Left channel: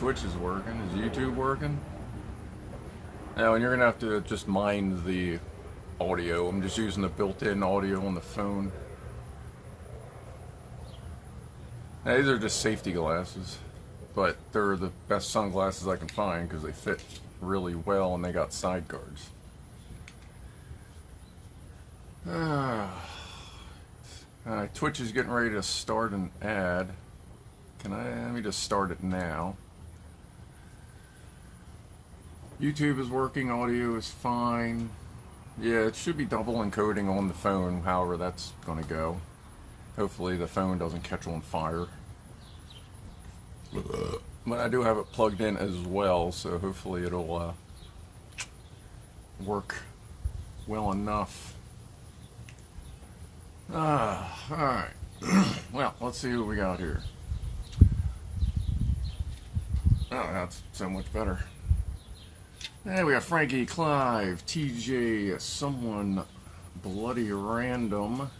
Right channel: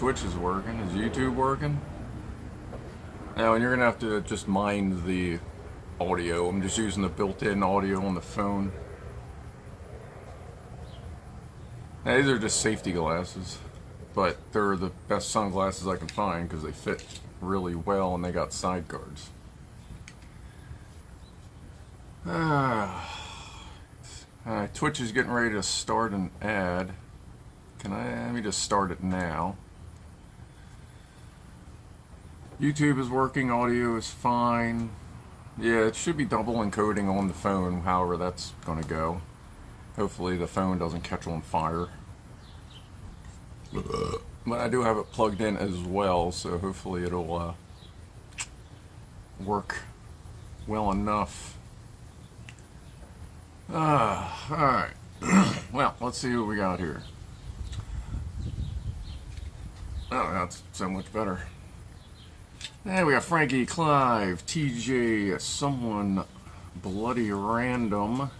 Twitch is working. Is YouTube working? Now, and you're gonna have to just mind the audio. I'm just using the built-in audio on the phone. Now, these are just safety glasses, but they're the best sunglasses I can find because they fit really well and they got side guards. Twitch is getting ready to start an ad. Let me just start it now. YouTube is working, audio is fine. Yeah, it should be double encoding on the phone, however that's gonna go. Hopefully the phone doesn't catch on fire. But I do have it plugged in as well, so hopefully it'll work well enough. Alright. Well, let's see what we got here. Oh, that's so much better. And we got Frankie, Clive, TJ, someone bloody random.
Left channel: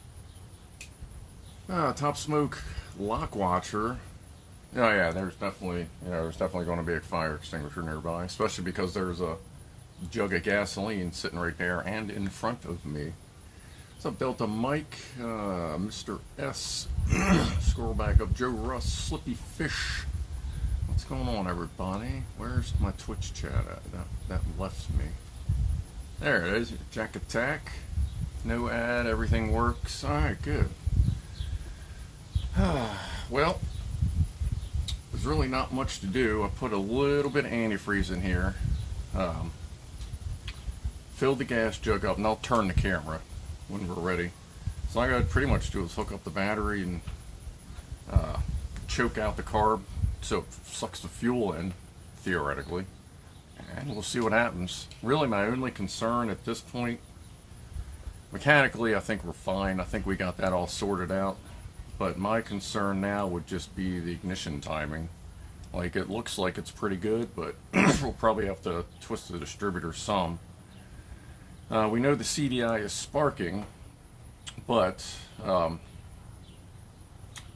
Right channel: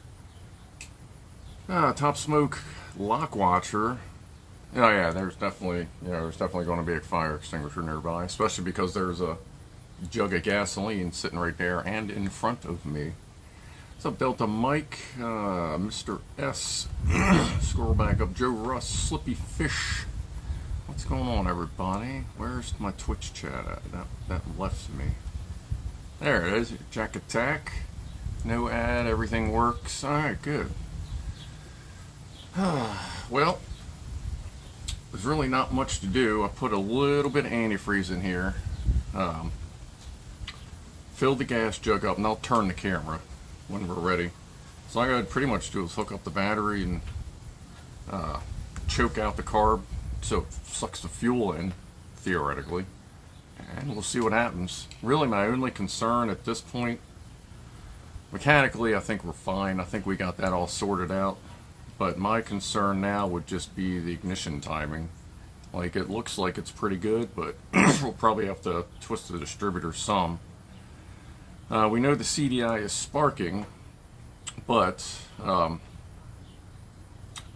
Top Smoke, Lock Watcher. Oh yeah, there's definitely going to be a fire extinguisher nearby, especially because there's a jug of gasoline sitting right there and in front of me. What's up, Delta Mike, Mr. S, scroll back up, Joe Russ, Slippy Fish. What's going on, everybody? Where's my Twitch chat at? That left me. There it is, Jack Attack. No ad, everything works. Alright, good. Well, there's really not much to do. I put a little bit of antifreeze in here. Fill the gas jug up, and I'll turn the camera when we're ready. So all I gotta pretty much do is hook up the battery and choke out the carb so it sucks the fuel in, theoretically. And we'll see what happens. Really, my only concern at this point, mechanically, I think we're fine. I think we got that all sorted out. But my concern now would just be the ignition timing. Like, it looks like it's pretty good, but we'll probably have to twist the distributor some. We know the CDI is sparking, but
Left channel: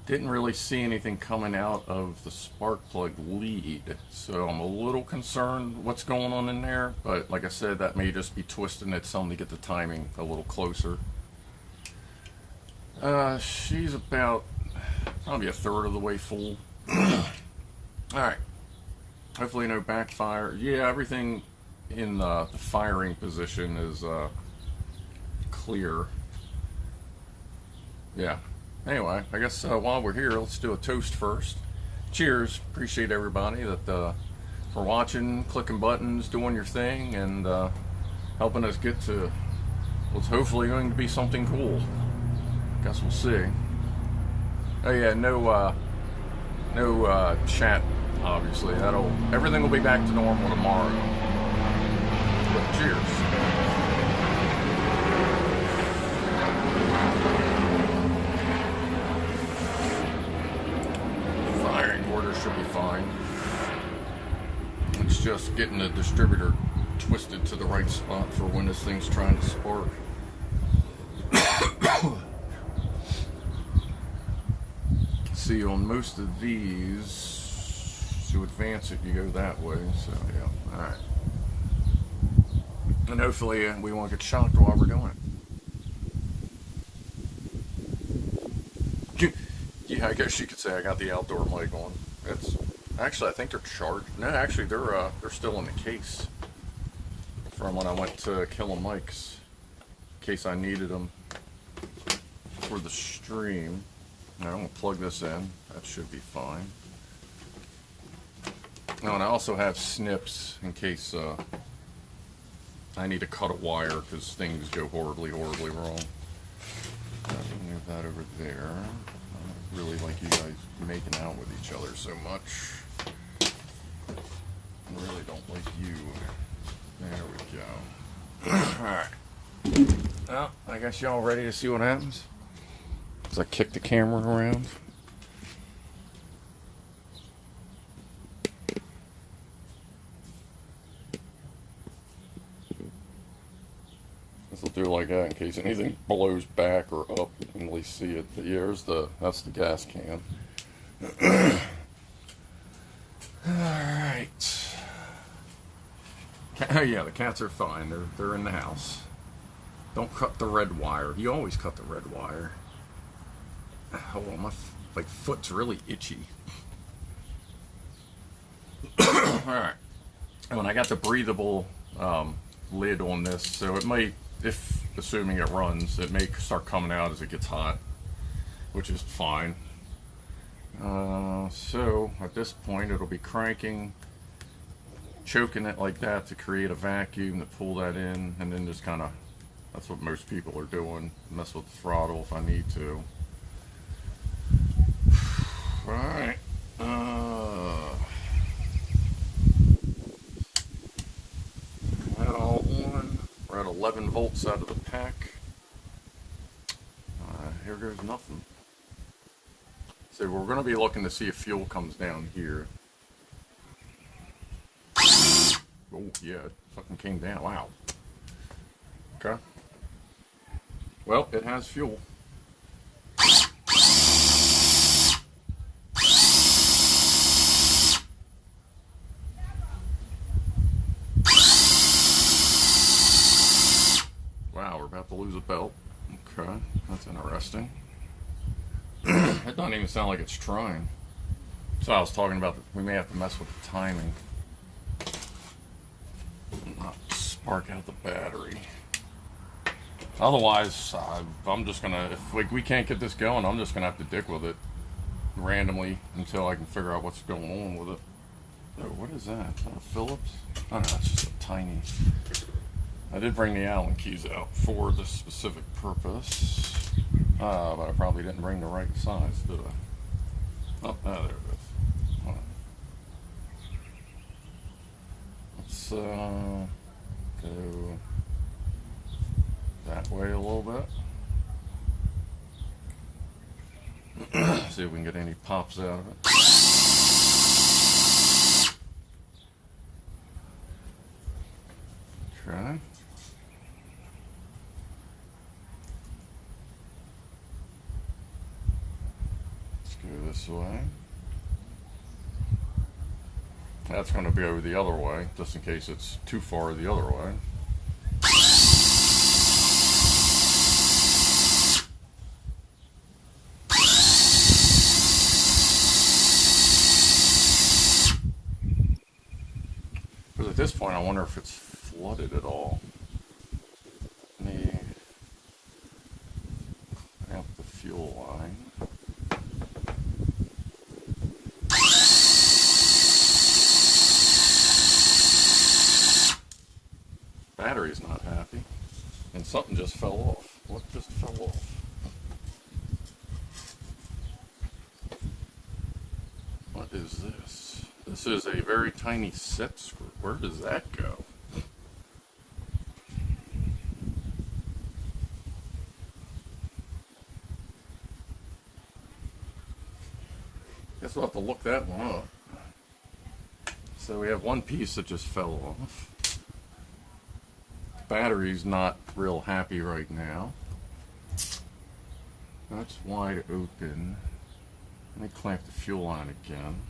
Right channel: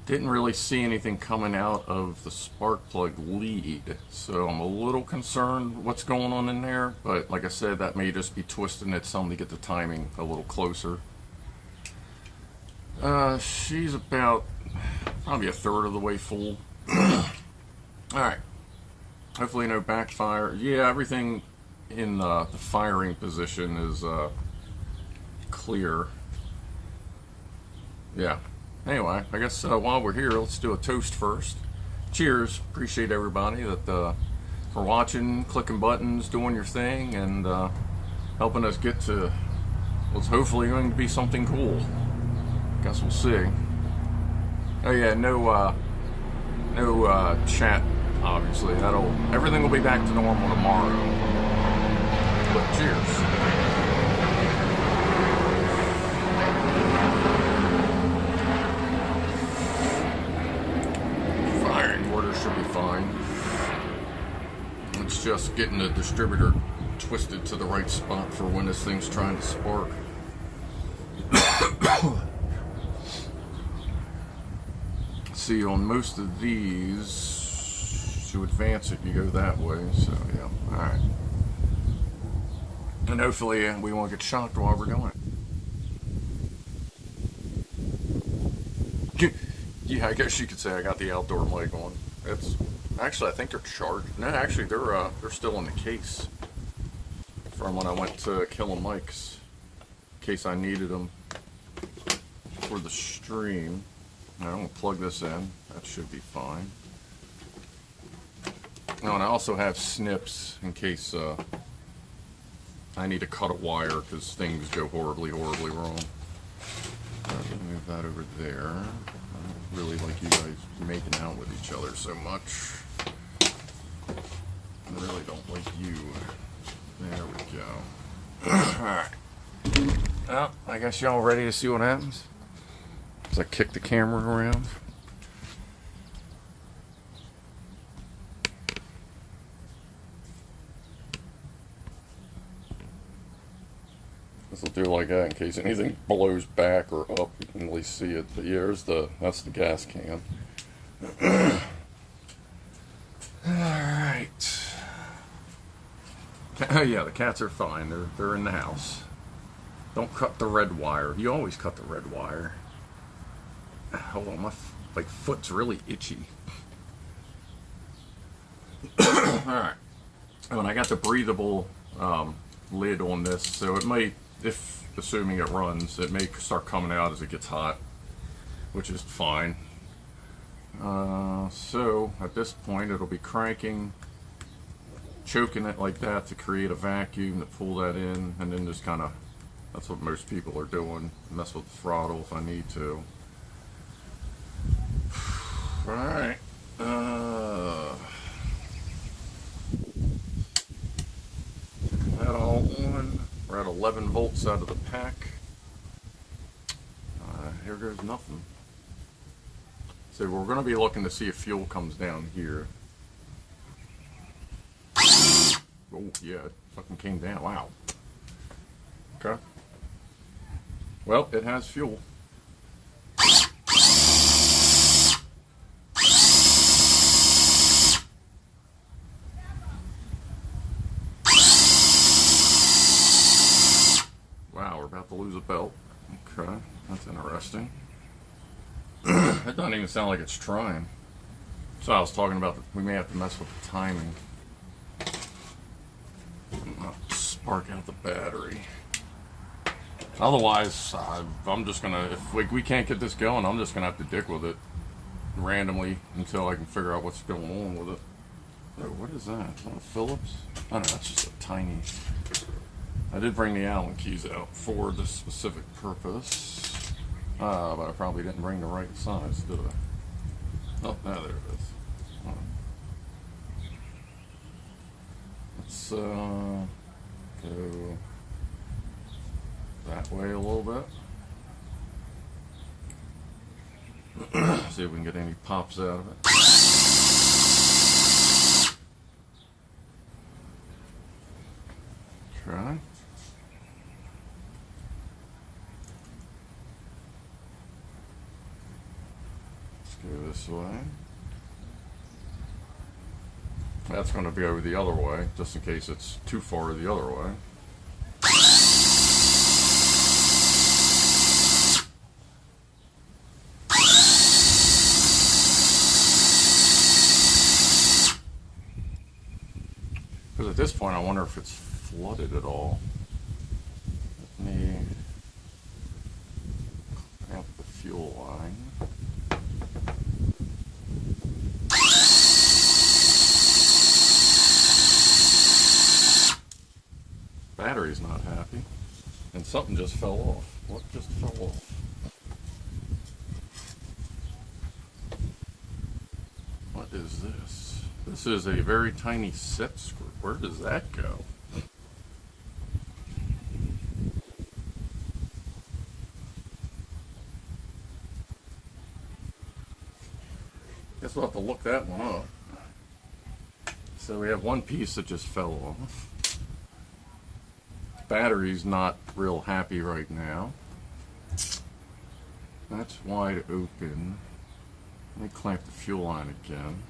didn't really see anything coming out of the spark plug lead. So I'm a little concerned what's going on in there, but like I said, that may just be twisting it some to get the timing a little closer. She's about probably a third of the way full. Alright. Hopefully no backfire. Yeah, everything in the firing position is clear. Yeah. Anyway, I guess while we're here, let's do a toast first. Cheers. Appreciate everybody that for watching, clicking buttons, doing your thing, and helping us get to what's hopefully going to be something cool. Guess we'll see. Oh yeah, no chat, obviously. Everything will be back to normal tomorrow. But cheers. Firing order should be fine. It's just getting the distributor twisted to the right spot for when this thing's trying to spark. See, on most of these, to advance it, you go that way. So yeah, all right. And hopefully we won't get shocked while we're doing it. Yeah, I guess you could say I got the outdoor mic on. It's actually, I think they're charged. No, actually, they're still in the case from when I went to Killing Mike's, in case I needed them for the stream. I'm going to plug this in. That should be fine. Oh, and I also have snips in case I need to cut a wire because things go horribly, horribly wrong. Move that over there. I don't really like you guys making out with each other so much. I really don't like you. There we go. Alright. Well, I guess y'all ready to see what happens? As I kick the camera around. This will do like that in case anything blows back or up, you can at least see it. But yeah, that's the gas can. Alright. Oh yeah, the cats are fine. They're in the house. Don't cut the red wire. You always cut the red wire. Hold on, my foot's really itchy. Alright. And I got the breathable lid on this, so it might, if assuming it runs, it may start coming out as it gets hot, which is fine. So at this point it'll be cranking, choking it like that to create a vacuum to pull that in, and then just kind of, that's what most people are doing, mess with the throttle if I need to. Alright, that all on. We're at 11 volts out of the pack. Here goes nothing. So we're going to be looking to see if fuel comes down here. Oh yeah, it fucking came down. Wow. Okay. Well, it has fuel. Wow, we're about to lose a belt. Okay, that's interesting. That doesn't even sound like it's trying. So I was talking about that we may have to mess with the timing. Not spark out the battery. Otherwise, I'm just gonna, if we can't get this going, I'm just gonna have to dick with it randomly until I can figure out what's going on with it. Oh, what is that? Is that a Phillips? Oh no, that's just a tiny. I did bring the Allen keys out for this specific purpose. But I probably didn't bring the right size, did I? Oh, now there it is. Right. Let's go that way a little bit. See if we can get any pops out of it. Try. Go this way. That's going to be over the other way, just in case it's too far the other way. Because at this point I wonder if it's flooded at all. Let me clamp the fuel line. Battery's not happy, and something just fell off. What just fell off? What is this? This is a very tiny set screw. Where does that go? Guess we'll have to look that one up. So we have one piece that just fell off. Battery's not real happy right now. That's wide open. Let me clamp the fuel line again.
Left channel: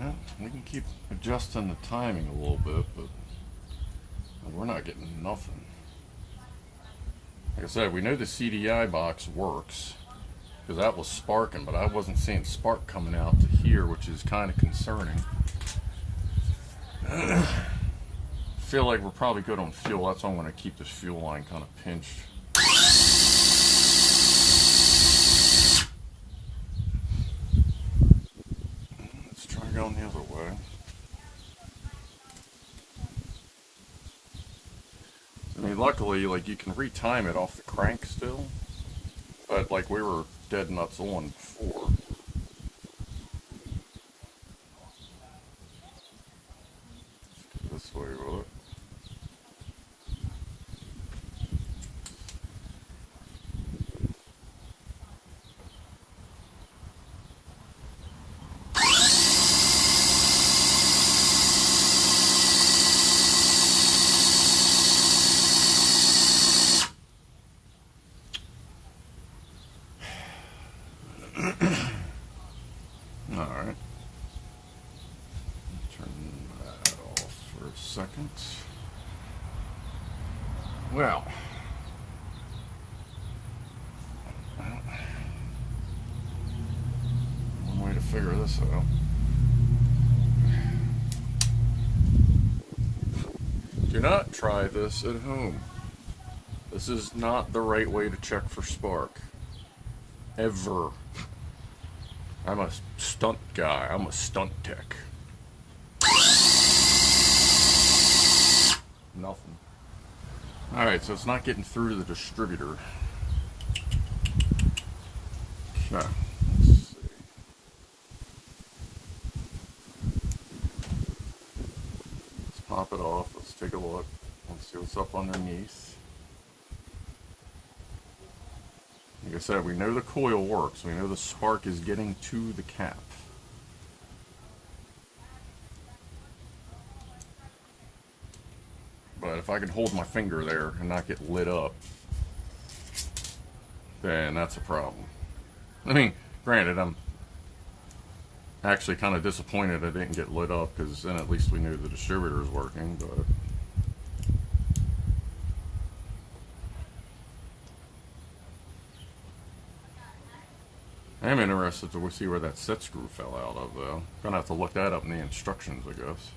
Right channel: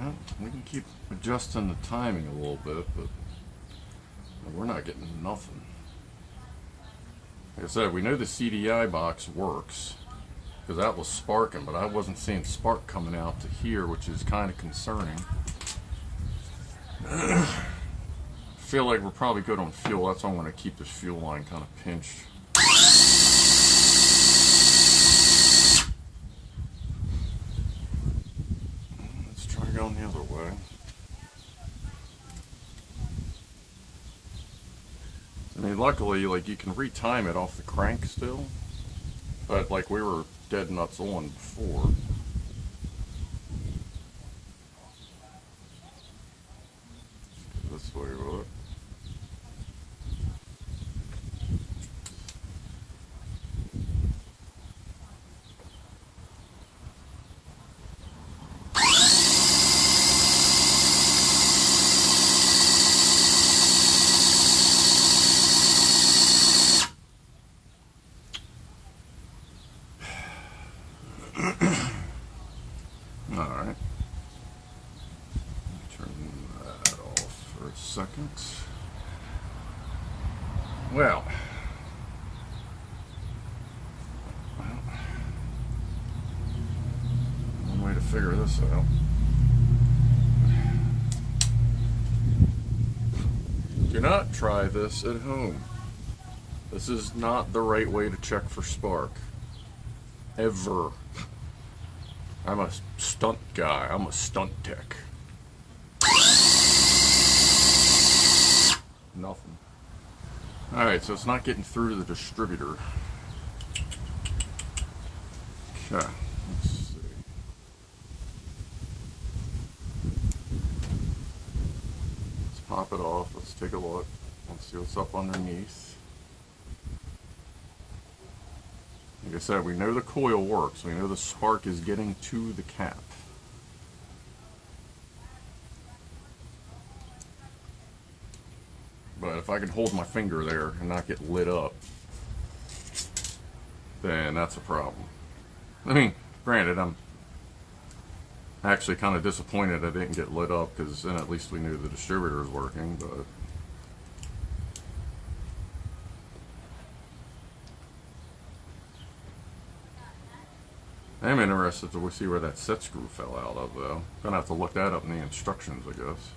Well, we can keep adjusting the timing a little bit, but we're not getting nothing. Like I said, we know the CDI box works because that was sparking, but I wasn't seeing spark coming out to here, which is kind of concerning. I feel like we're probably good on fuel. That's why I'm going to keep this fuel line kind of pinched. Let's try going the other way. I mean, luckily, like, you can retime it off the crank still, but like we were dead nuts on before. Let's go this way with it. second. Well, one way to figure this out. Do not try this at home. This is not the right way to check for spark. Ever. I'm a stunt guy. I'm a stunt tech. Nothing. Alright, so it's not getting through to the distributor. Okay, let's see. Let's pop it off. Let's take a look. Let's see what's up underneath. Like I said, we know the coil works. We know the spark is getting to the cap. But if I can hold my finger there and not get lit up, then that's a problem. I mean, granted, I'm actually kind of disappointed I didn't get lit up, because then at least we knew the distributor was working, but... I'm interested to see where that set screw fell out of, though. Gonna have to look that up in the instructions, I guess.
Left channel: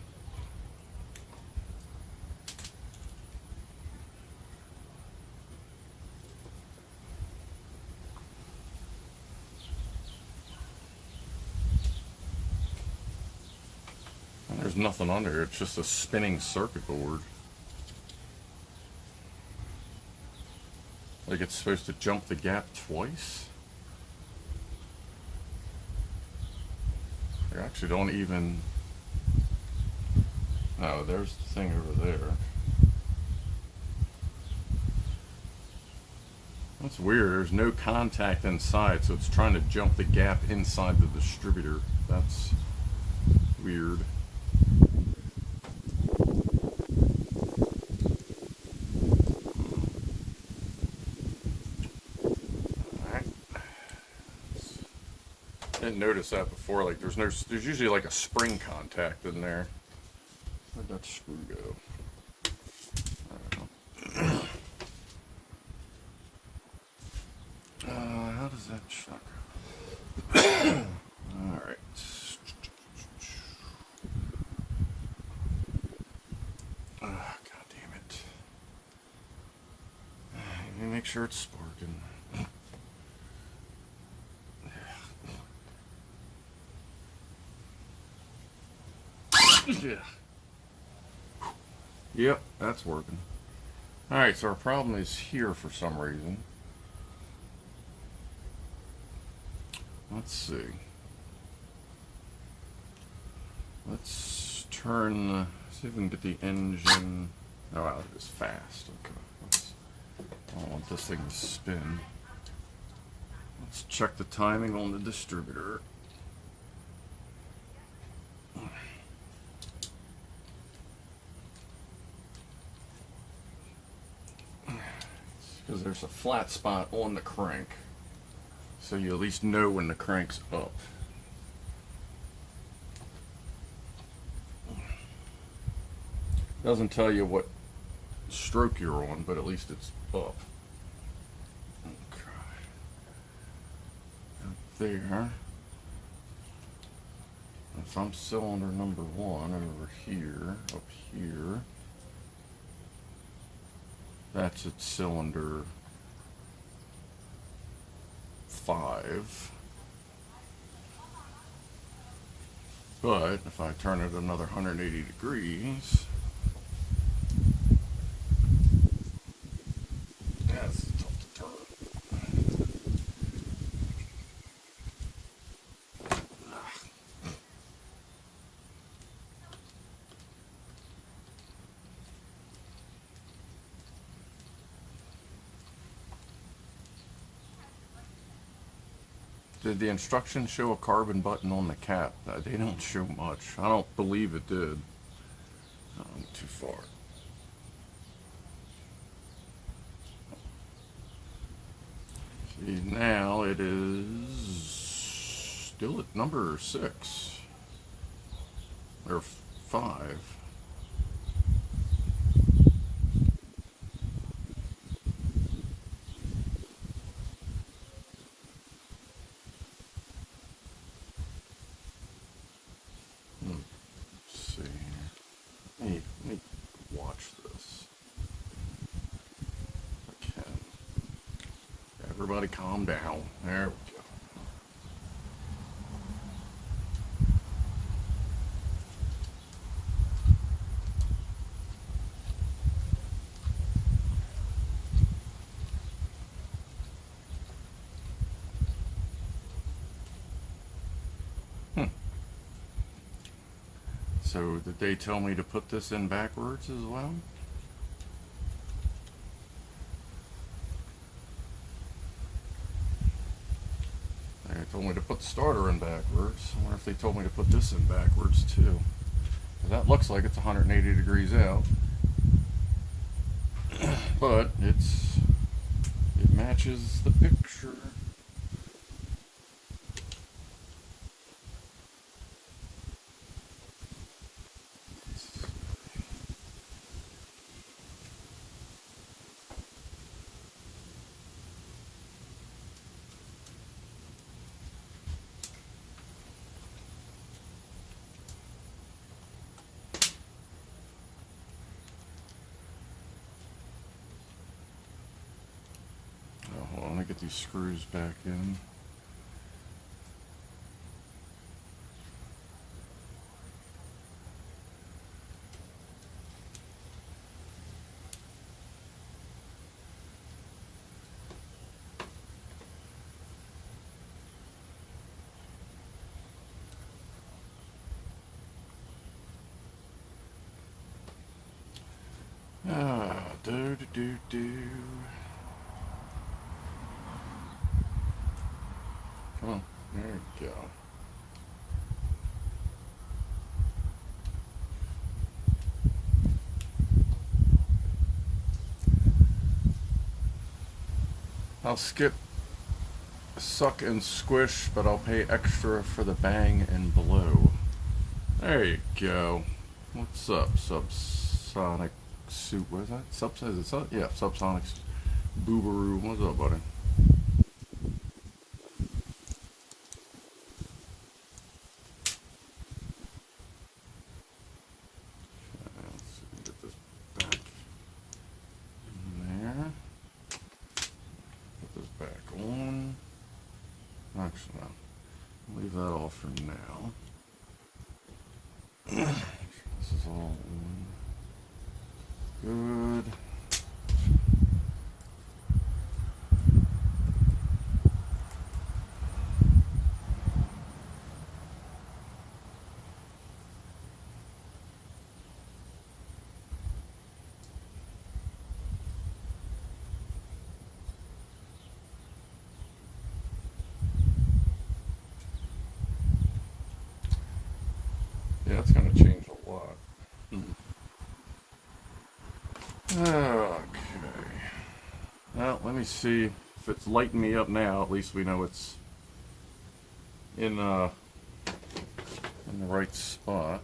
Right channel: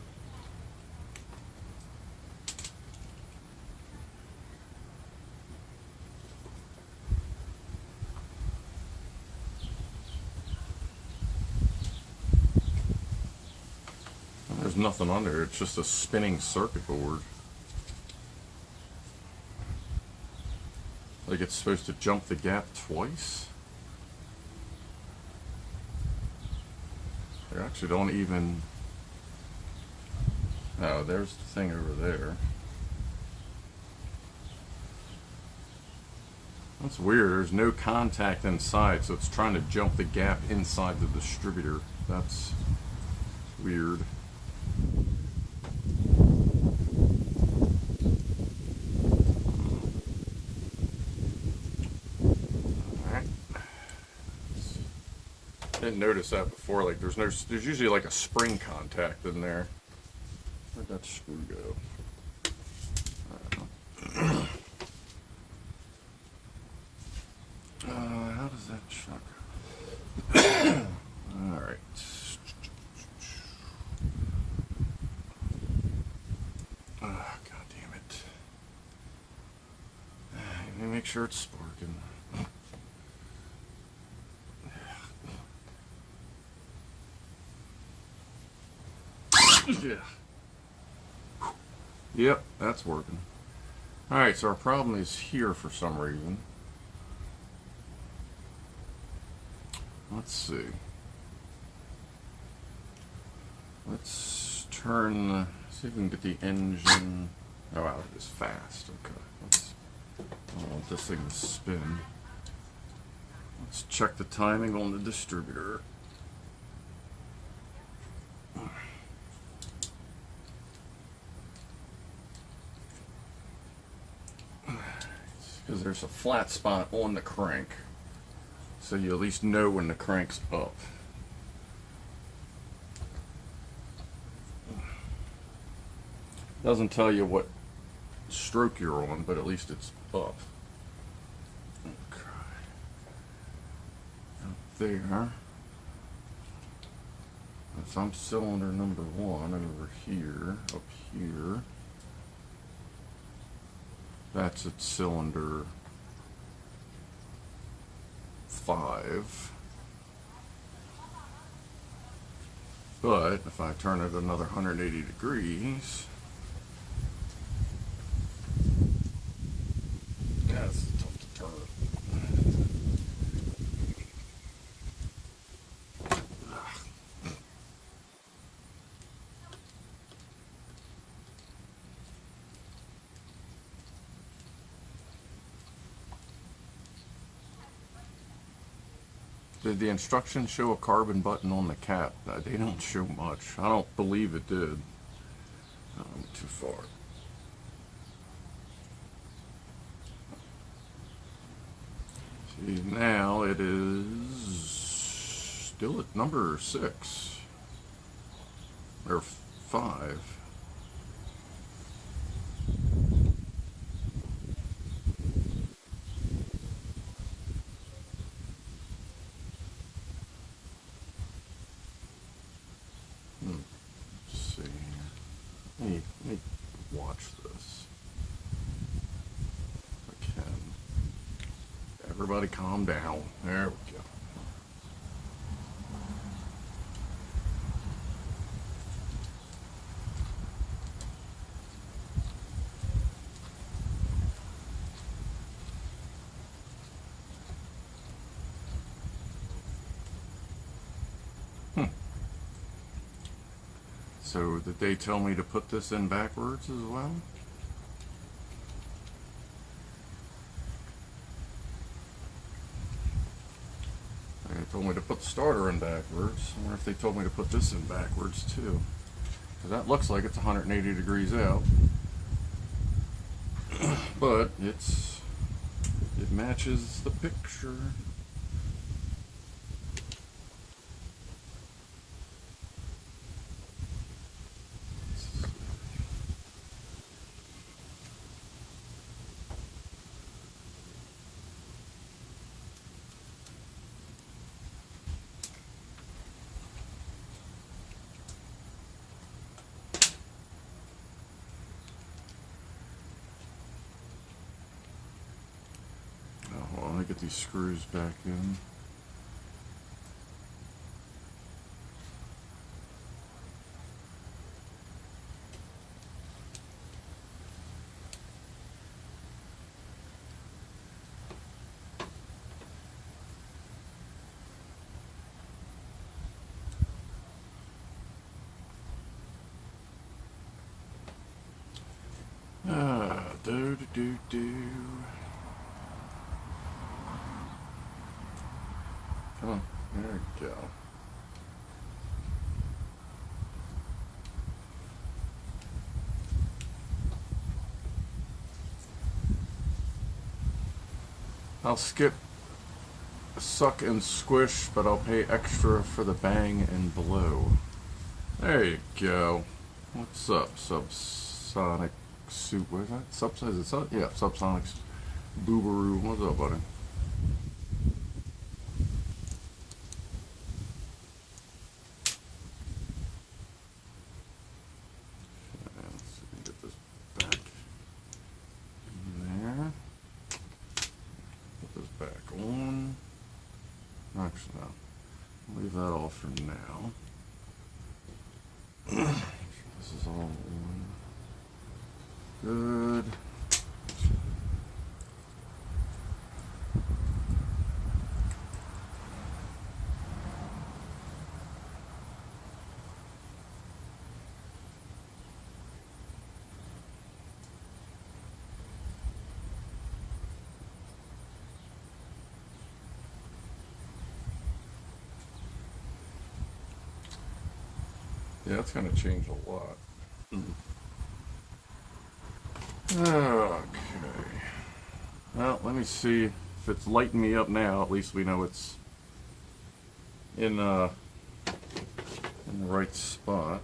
There's nothing under it, it's just a spinning circuit board. Like it's supposed to jump the gap twice? They actually don't even... Oh, there's the thing over there. That's weird, there's no contact inside, so it's trying to jump the gap inside the distributor. That's weird. I didn't notice that before. Like there's usually like a spring contact in there. Where'd that screw go? How does that check? All right. Oh, God damn it! Let me make sure it's sparking. Yeah. Yep, that's working. Alright, so our problem is here for some reason. Let's see. Let's turn the... See if we can get the engine... Oh wow, it is fast. Okay. I don't want this thing to spin. Let's check the timing on the distributor. Because there's a flat spot on the crank, so you at least know when the crank's up. Doesn't tell you what stroke you're on, but at least it's up. Okay. Up there. If I'm cylinder number 1 over here, up here. That's at cylinder 5. But if I turn it another 180 degrees, that's tough to turn it. Did the instructions show a carbon button on the cap? They don't show much. I don't believe it did. Too far. See, now it is still at number 6 or 5. everybody calm down. There we go. So did they tell me to put this in backwards as well? They told me to put the starter in backwards. I wonder if they told me to put this in backwards too. That looks like it's 180 degrees out. But it matches the picture. Let me get these screws back in. Come on, there we go. I'll skip suck and squish, but I'll pay extra for the bang and blow. There you go. What's up, Subsonic Soup? What is that? Subsonic? Is it yeah, Subsonic Boobaroo. What's up, buddy? Leave that off for now. This is all on. Good. Yeah, it's going to change a lot. Okay. Well, let me see if it's lighting me up now. At least we know it's in the right spot.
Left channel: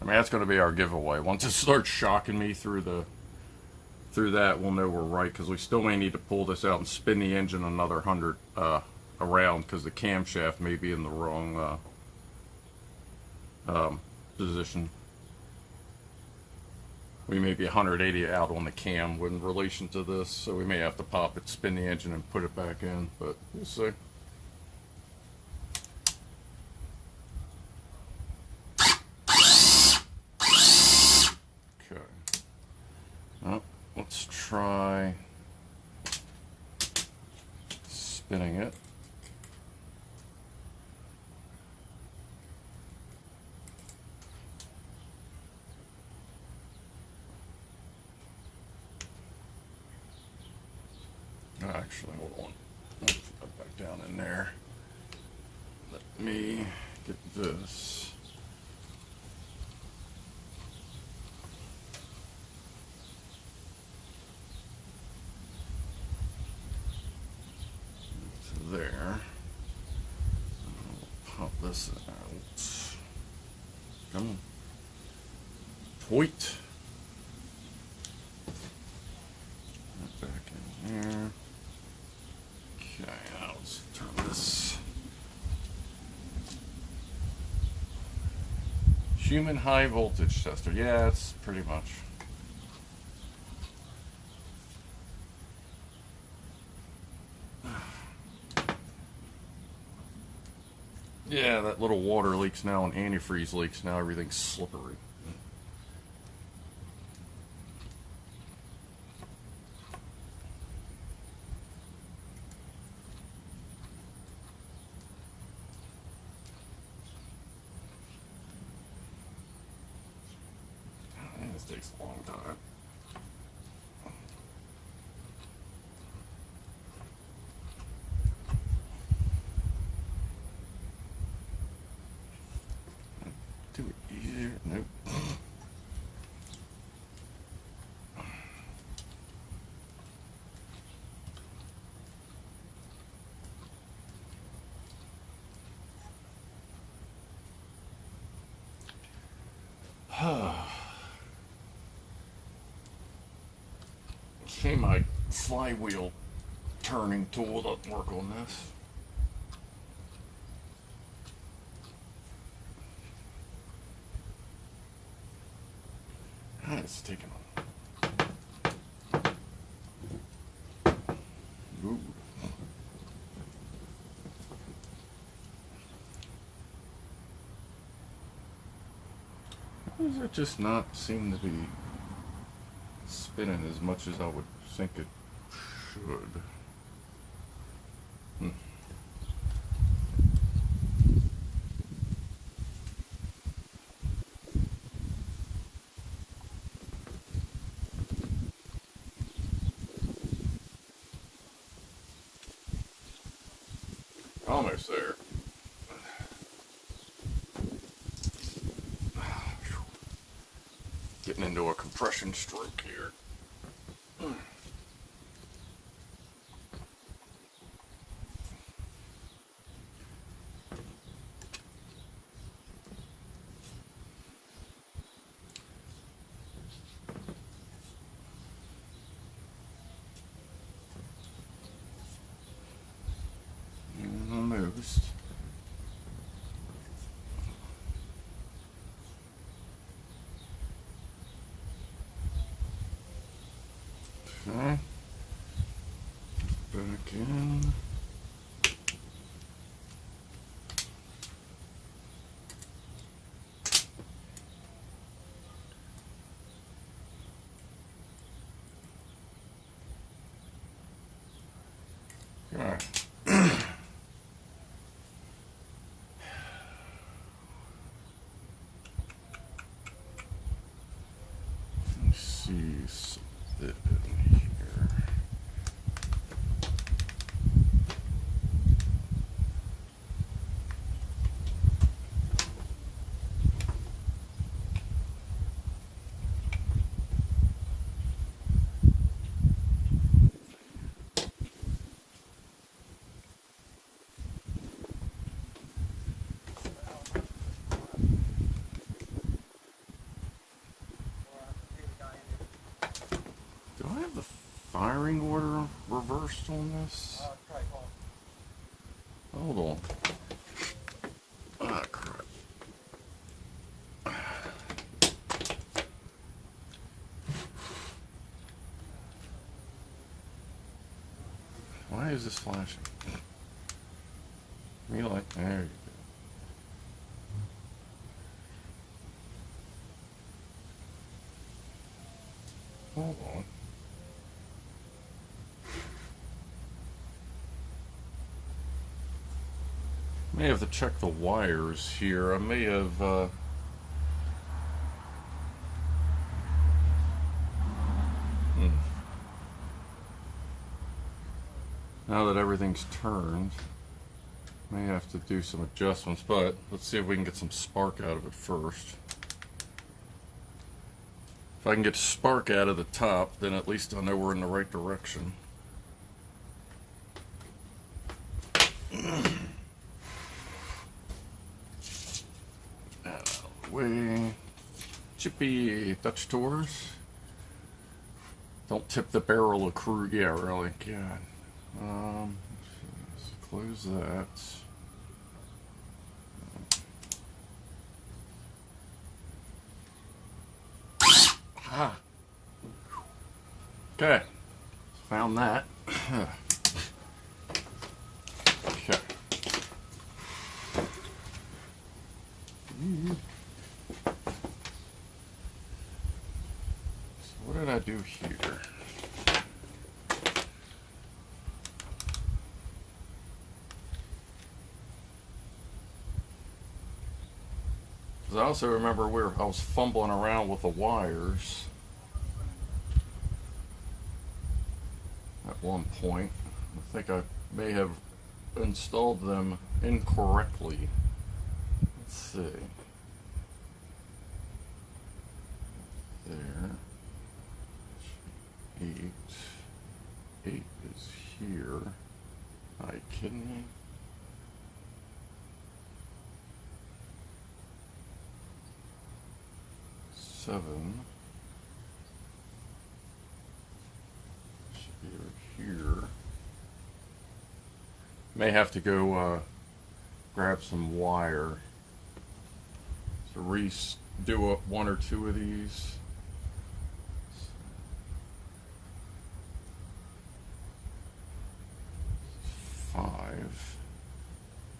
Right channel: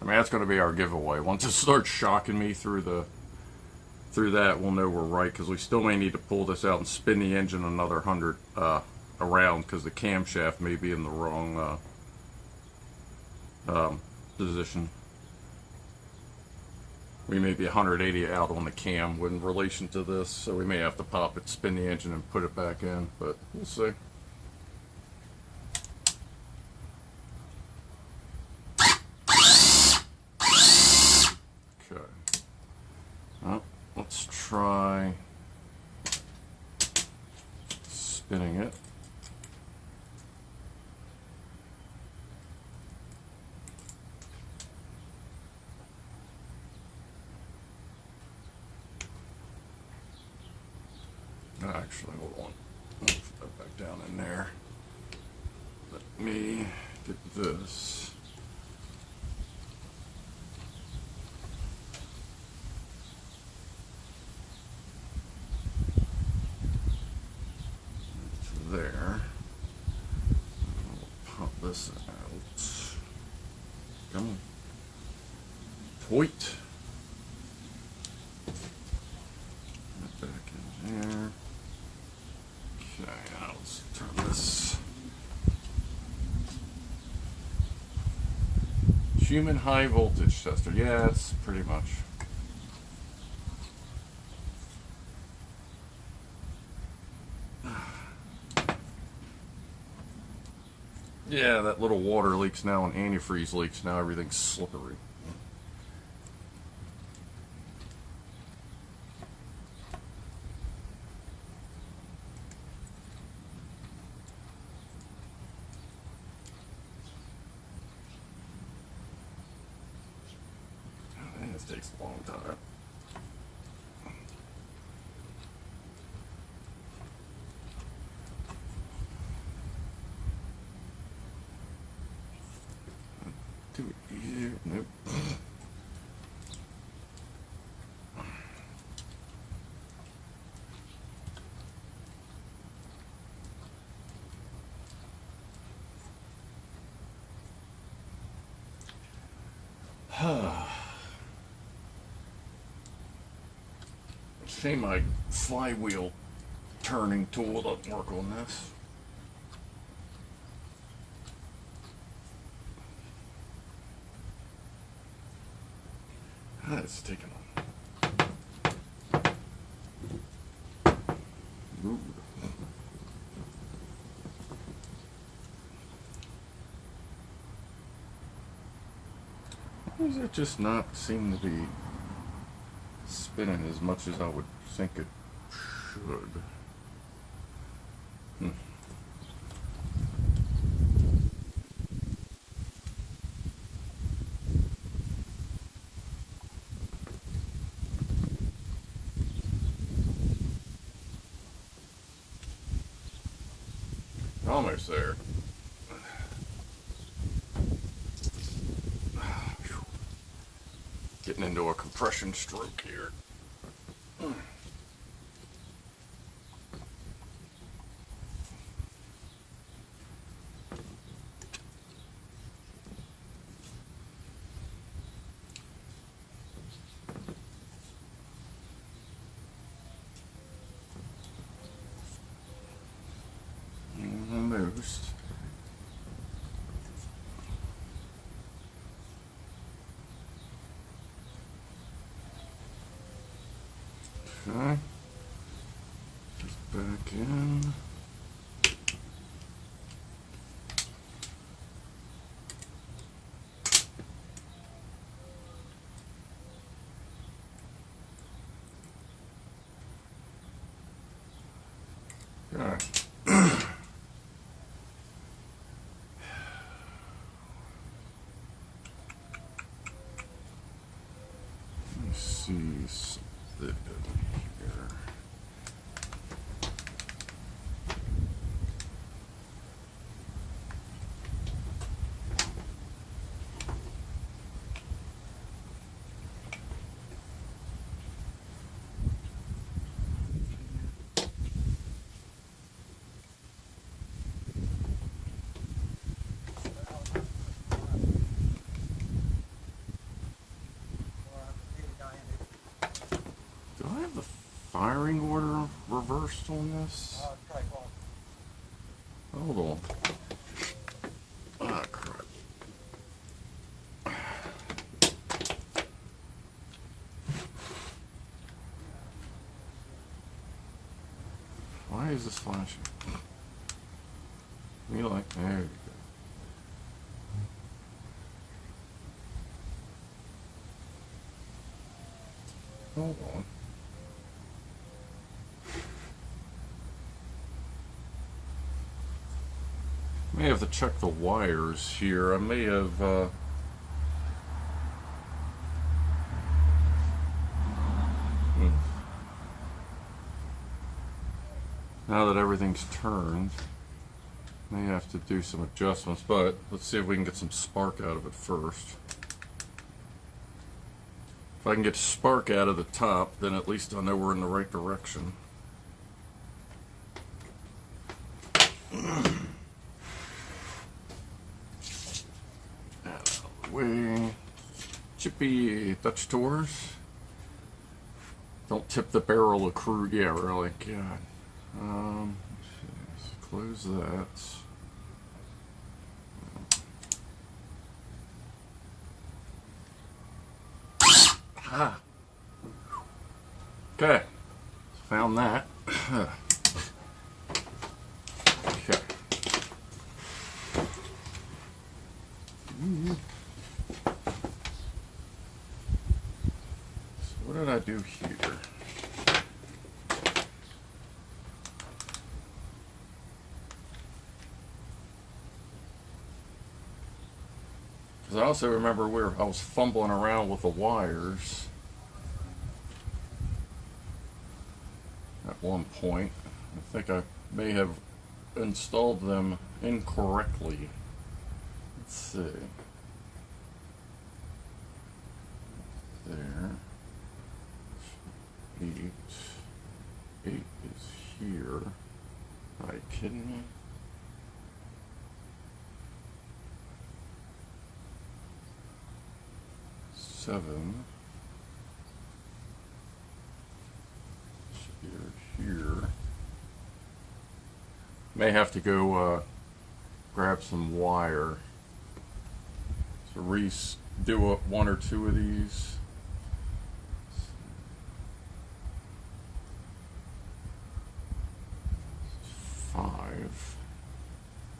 I mean, that's going to be our giveaway. Once it starts shocking me through that, we'll know we're right, because we still may need to pull this out and spin the engine another 100 around, because the camshaft may be in the wrong position. We may be 180 out on the cam in relation to this, so we may have to pop it, spin the engine, and put it back in, but we'll see. Okay. Well, let's try spinning it. Actually, hold on. Let's put that back down in there. Let me get this. It's there. And we'll pop this out. Come on. Point. Back in here. Okay, now let's turn this. Human high voltage tester. Yeah, it's pretty much. Yeah, that little water leaks now and antifreeze leaks now. Everything's slippery. This takes a long time. Nope. Shame my flywheel turning tool doesn't work on this. It's taking on. Ooh. Why does it just not seem to be spinning as much as I would think it should? Almost there. Getting into a compression stroke here. Almost. Okay. Back in. God. See something here. Do I have the firing order reversed on this? Hold on. Ah, crap. Why is this flashing? You like, there you go. Hold on. May have to check the wires here. I may have now that everything's turned, may have to do some adjustments, but let's see if we can get some spark out of it first. If I can get spark out of the top, then at least I know we're in the right direction. Way chippy touch tours. Don't tip the barrel of crude. Yeah, really. God. Let's close that. Ah. Okay. Found that. Okay. do here? Because I also remember I was fumbling around with the wires at one point. I think I may have installed them incorrectly. Let's see. There. 8 is here. Are you kidding me? Seven. Here. May have to go grab some wire to do up one or two of these.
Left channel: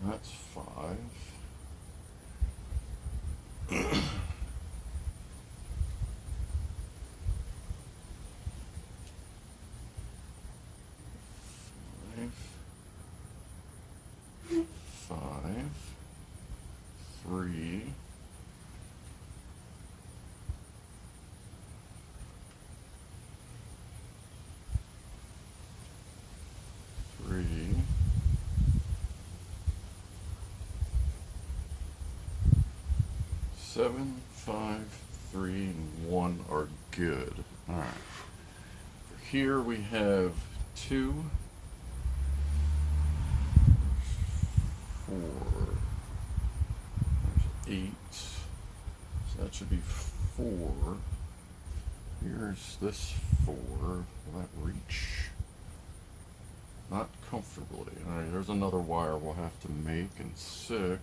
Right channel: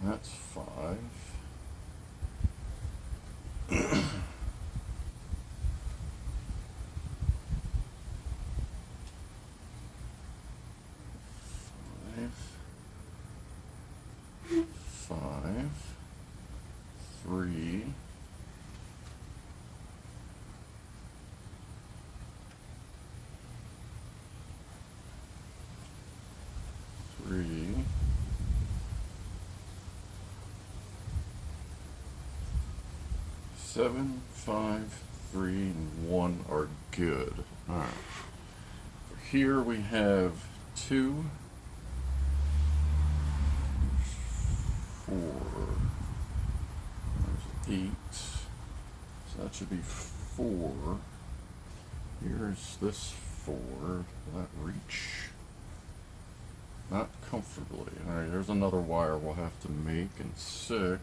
That's 5. Five, 3, 3, 7, 5, 3, and 1 are good. All right. Here we have 2, 4, there's 8, so that should be 4. Here's this 4. Will that reach? Not comfortably. Alright, there's another wire we'll have to make, and 6.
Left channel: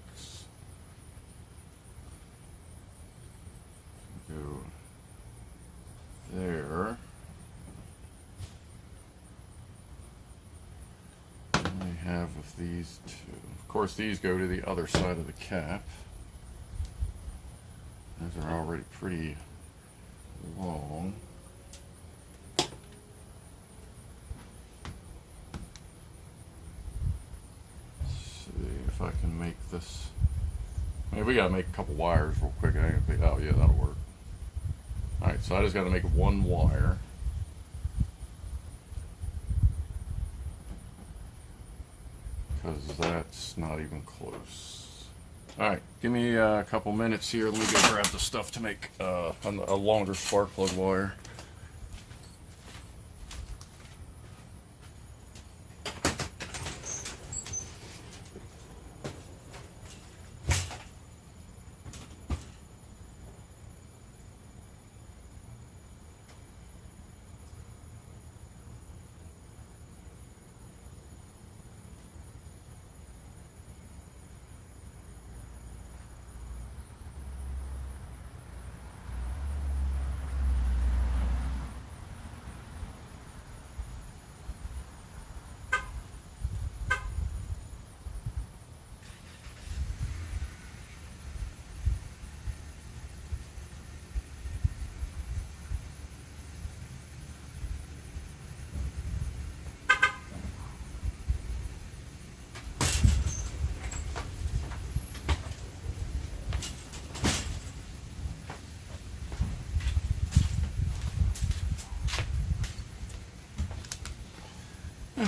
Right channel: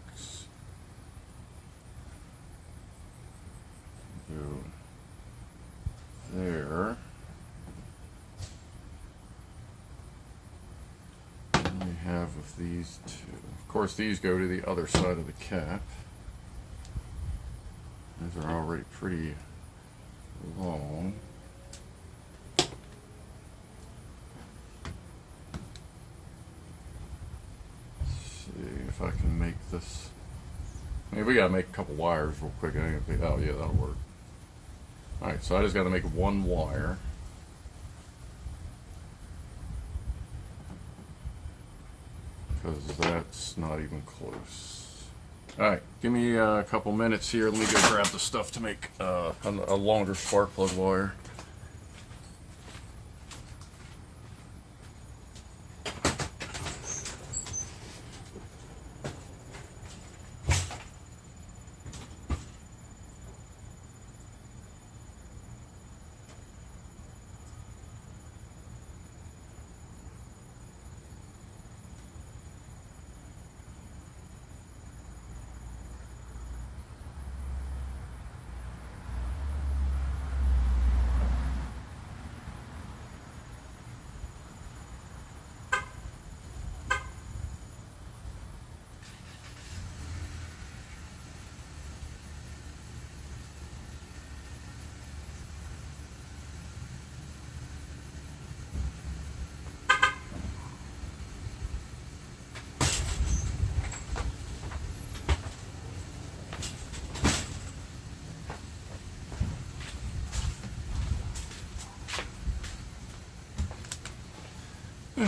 Go there. And we have with these 2. Of course, these go to the other side of the cap. These are already pretty long. Let's see if I can make this. Maybe we gotta make a couple wires real quick. Oh yeah, that'll work. Alright, so I just gotta make one wire. Because that's not even close. Alright, give me a couple minutes here. Let me go grab the stuff to make a longer spark plug wire.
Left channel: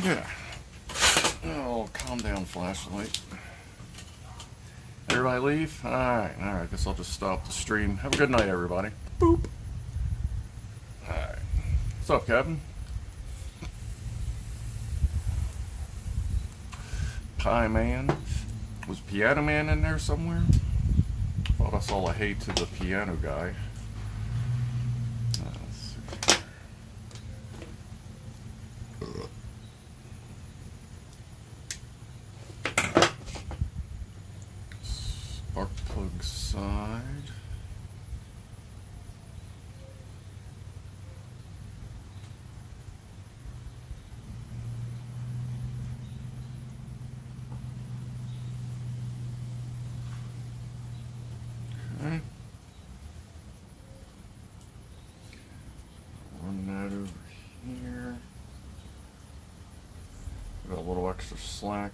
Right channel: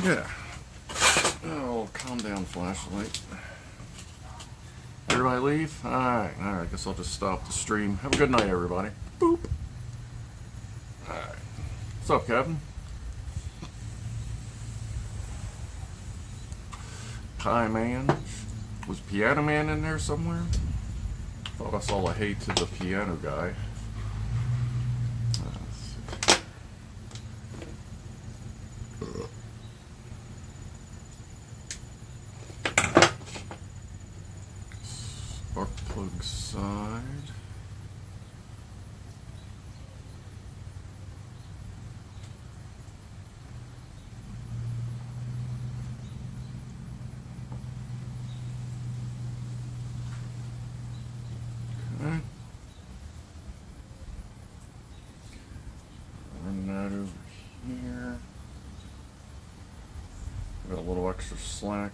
Yeah. Oh, calm down, flashlight. Everybody leave? Alright, alright, guess I'll just stop the stream. Have a good night, everybody. Boop. Alright. What's up, Kevin? Pie Man. Was Piano Man in there somewhere? Thought I saw a hey to the piano guy. Spark plug side. Run little extra slack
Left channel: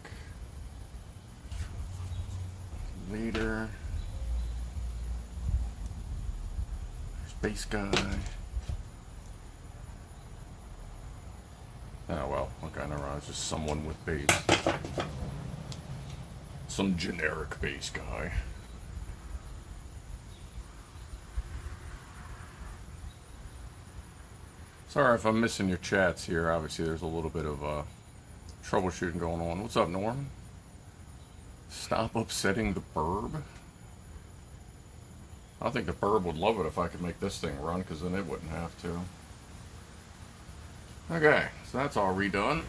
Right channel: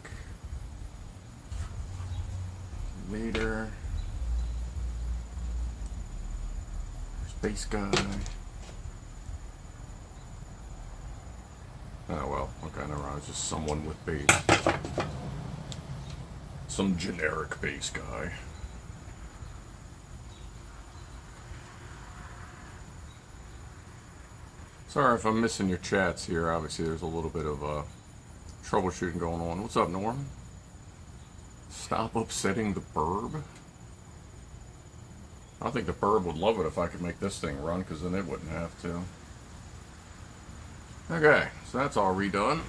later. Space guy. Oh well, okay, never mind. It's just someone with base. Some generic base guy. Sorry if I'm missing your chats here. Obviously, there's a little bit of troubleshooting going on. What's up, Norm? Stop upsetting the burb? I think the burb would love it if I could make this thing run, because then it wouldn't have to. Okay, so that's all redone.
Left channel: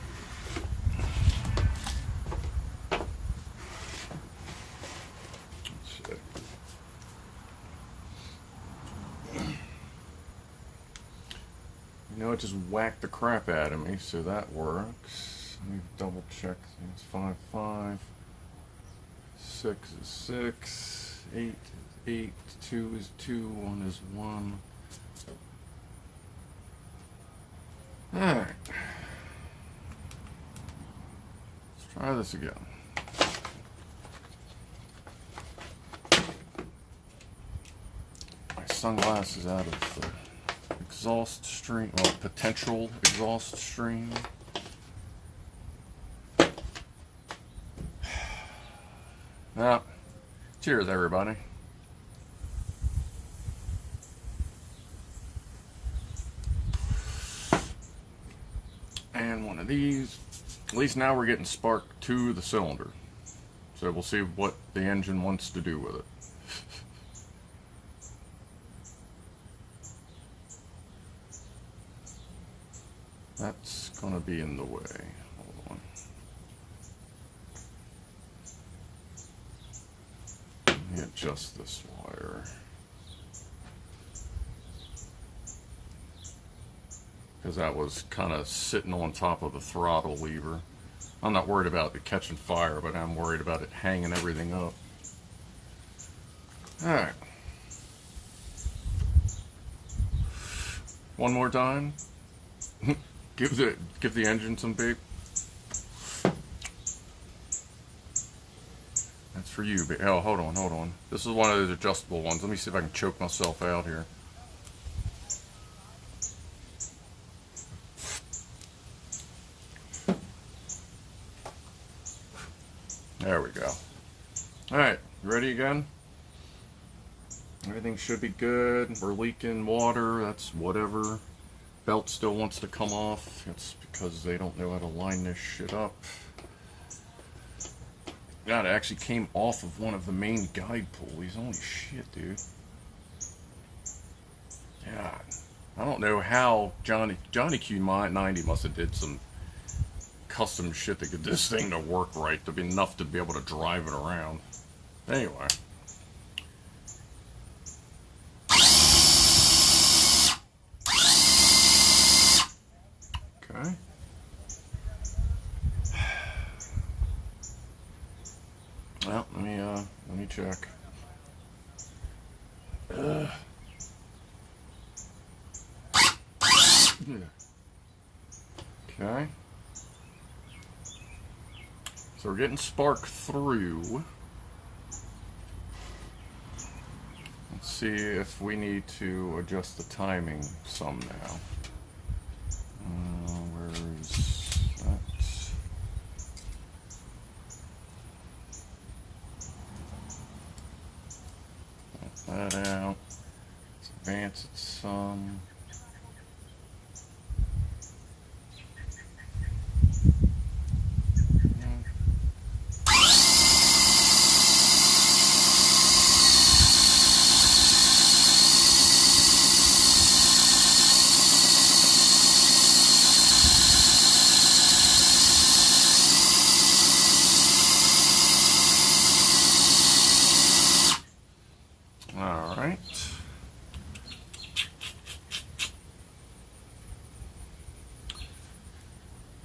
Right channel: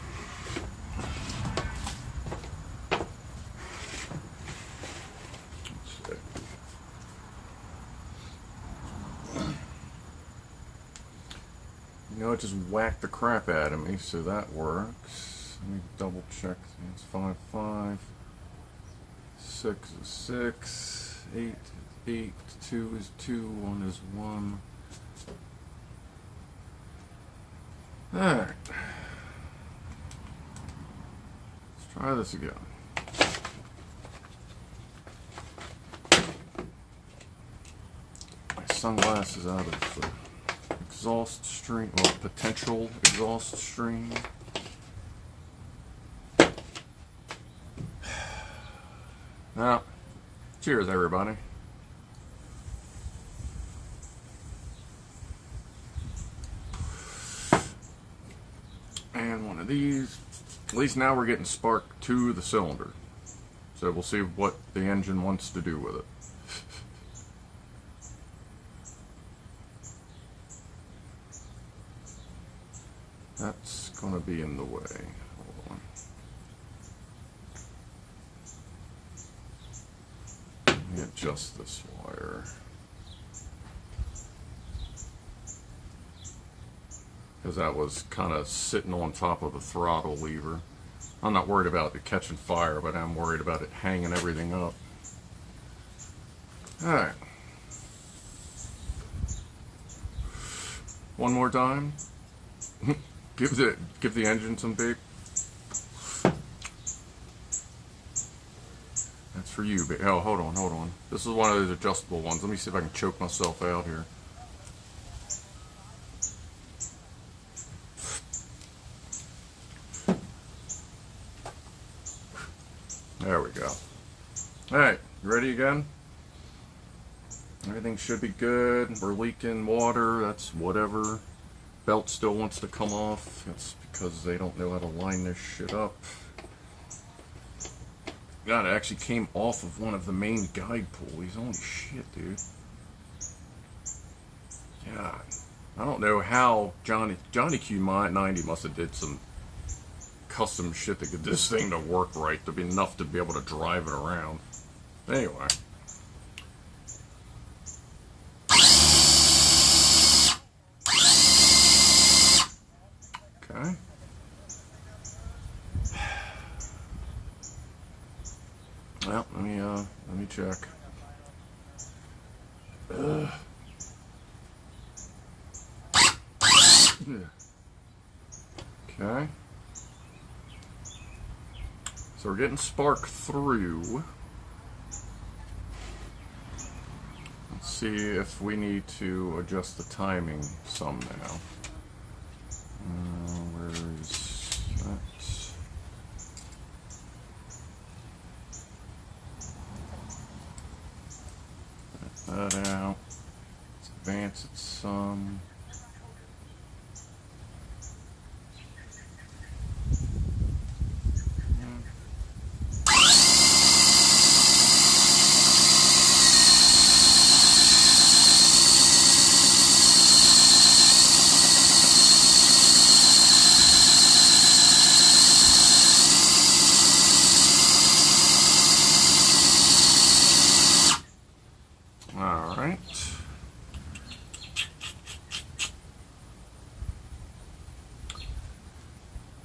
Let's see. You know, it just whacked the crap out of me, so that works. Let me double check. It's 5, 5. 6 is 6. 8, 8. 2 is 2. 1 is 1. Alright. Let's try this again. My sunglasses out of the exhaust stream, well, potential exhaust stream. Now, cheers, everybody. And one of these. At least now we're getting spark to the cylinder. So we'll see what the engine wants to do with it. That's going to be in the way. Hold on. Let me adjust this wire. Because that was kind of sitting on top of the throttle lever. I'm not worried about it catching fire, but I'm worried about it hanging everything up. Alright. One more time. Give the engine some beep. That's for you, babe. Oh, hold on. This is one of those adjustable ones. Let me see if I can choke myself out here. There we go. Alright, ready again? Everything should be good. We're leaking water. That's whatever. Belt still wants to come off. That's because they don't know how to line this shit up. God, it actually came off of one of the main guide pulleys. Holy shit, dude. God. I don't know how Johnny Q90 must have did some custom shit to get this thing to work right, to be enough to be able to drive it around. Anyway. Okay. Well, let me check. Okay. So we're getting spark through. Let's see if we need to adjust the timing some now. Where is that? Let that out. Let's advance it some.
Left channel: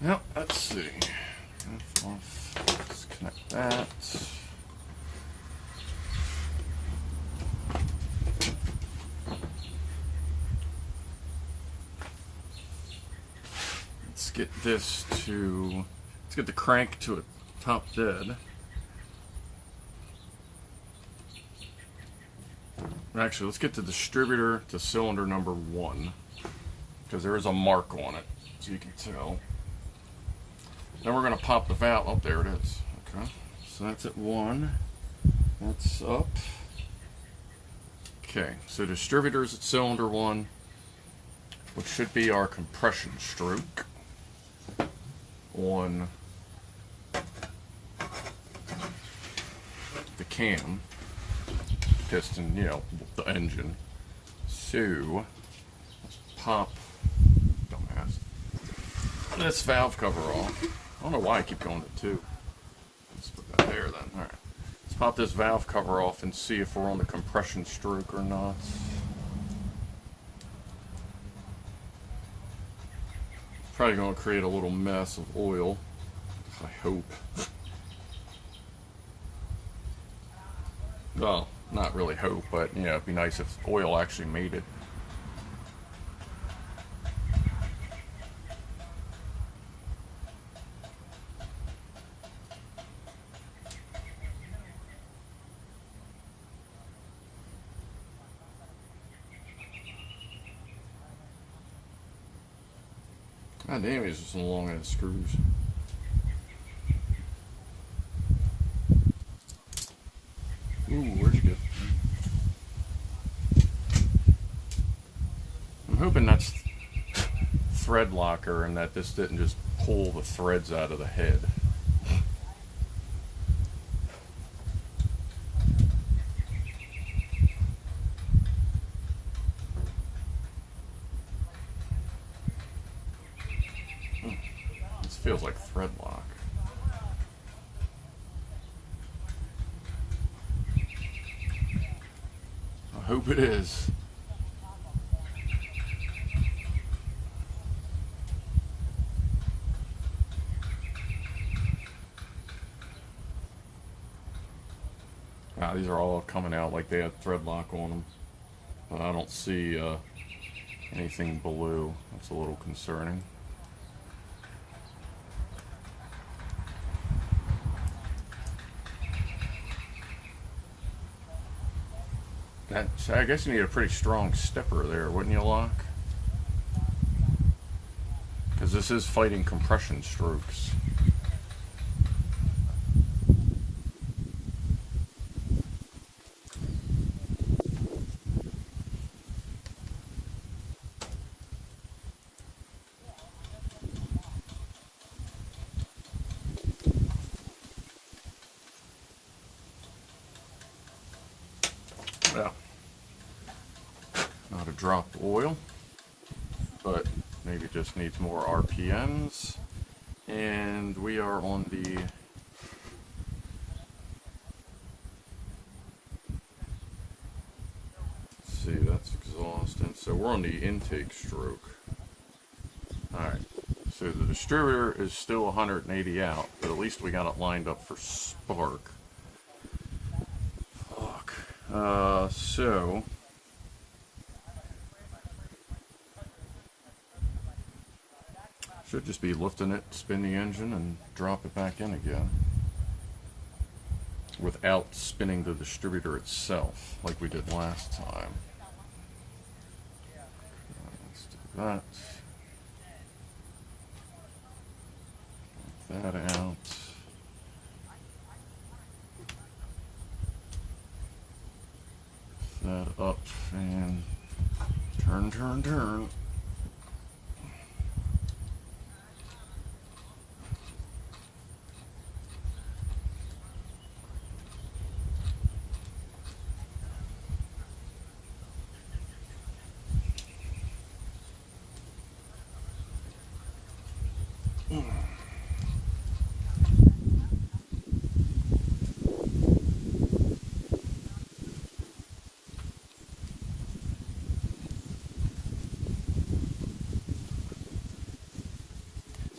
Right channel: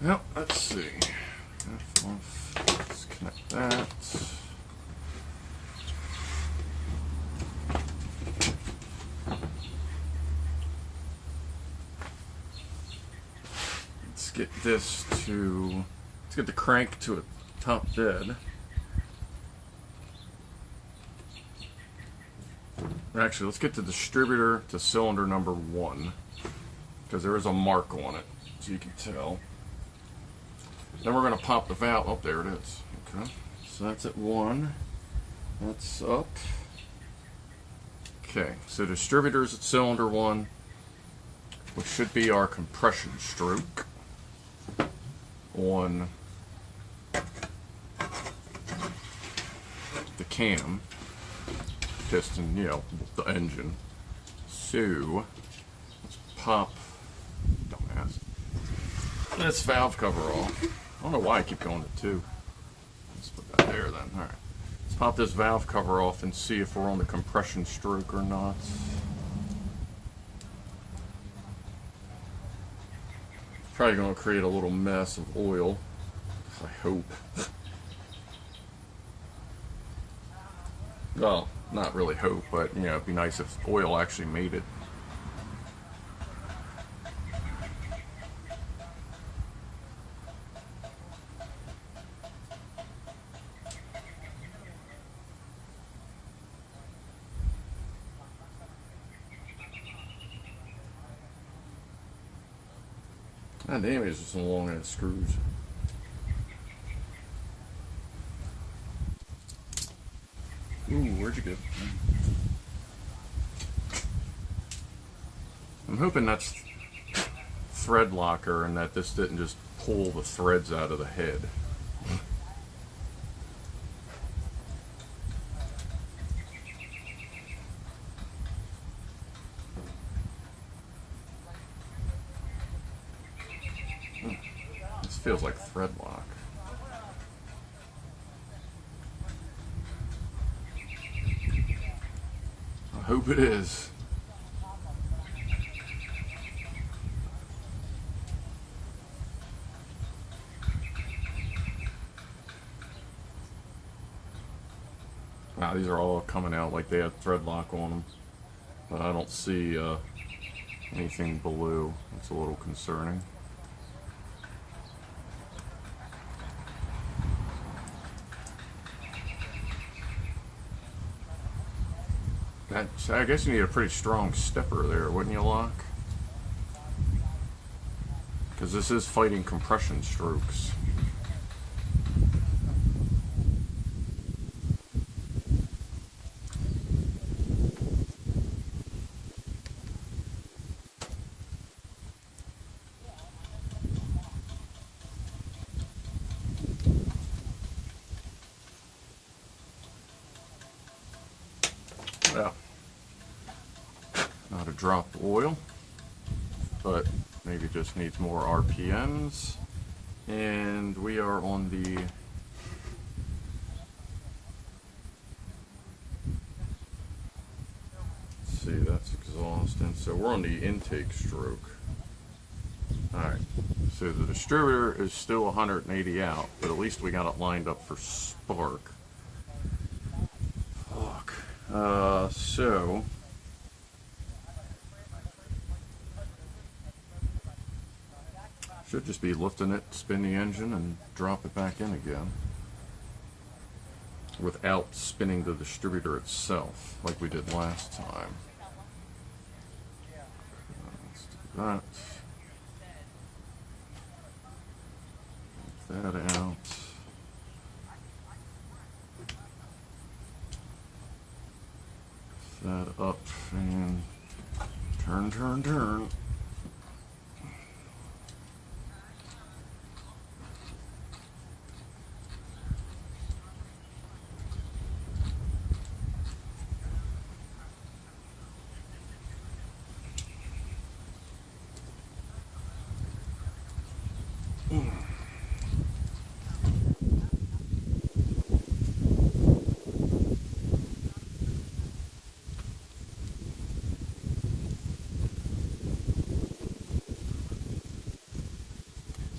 Yep, let's see. Let's connect that. Let's get this to Let's get the crank to a top dead. Actually, let's get the distributor to cylinder number 1, because there is a mark on it, so you can tell. Then we're going to pop the valve. Oh, there it is. Okay, so that's at 1. That's up. Okay, so distributor's at cylinder 1, which should be our compression stroke on the cam piston, you know, the engine. So let's pop, dumbass, this valve cover off. I don't know why I keep going to 2. Let's put that there then. All right, let's pop this valve cover off and see if we're on the compression stroke or not. Probably going to create a little mess of oil, I hope. Well, not really hope, but you know, it'd be nice if oil actually made it. God damn, it's just a long ass screws. Ooh, where'd you go? I'm hoping that's thread locker and that this didn't just pull the threads out of the head. This feels like thread lock. I hope it is. Wow, these are all coming out like they had thread lock on them, but I don't see anything below. That's a little concerning. I guess you need a pretty strong stepper there, wouldn't you, Locke? Because this is fighting compression strokes. Well, not a drop of oil, but maybe just needs more RPMs. And we are on the let's see, that's exhaust, and so we're on the intake stroke. Alright, so the distributor is still 180 out, but at least we got it lined up for spark. Fuck. So should just be lifting it, spin the engine, and drop it back in again without spinning the distributor itself like we did last time. Let's do that. Take that out. That up and turn, turn, turn.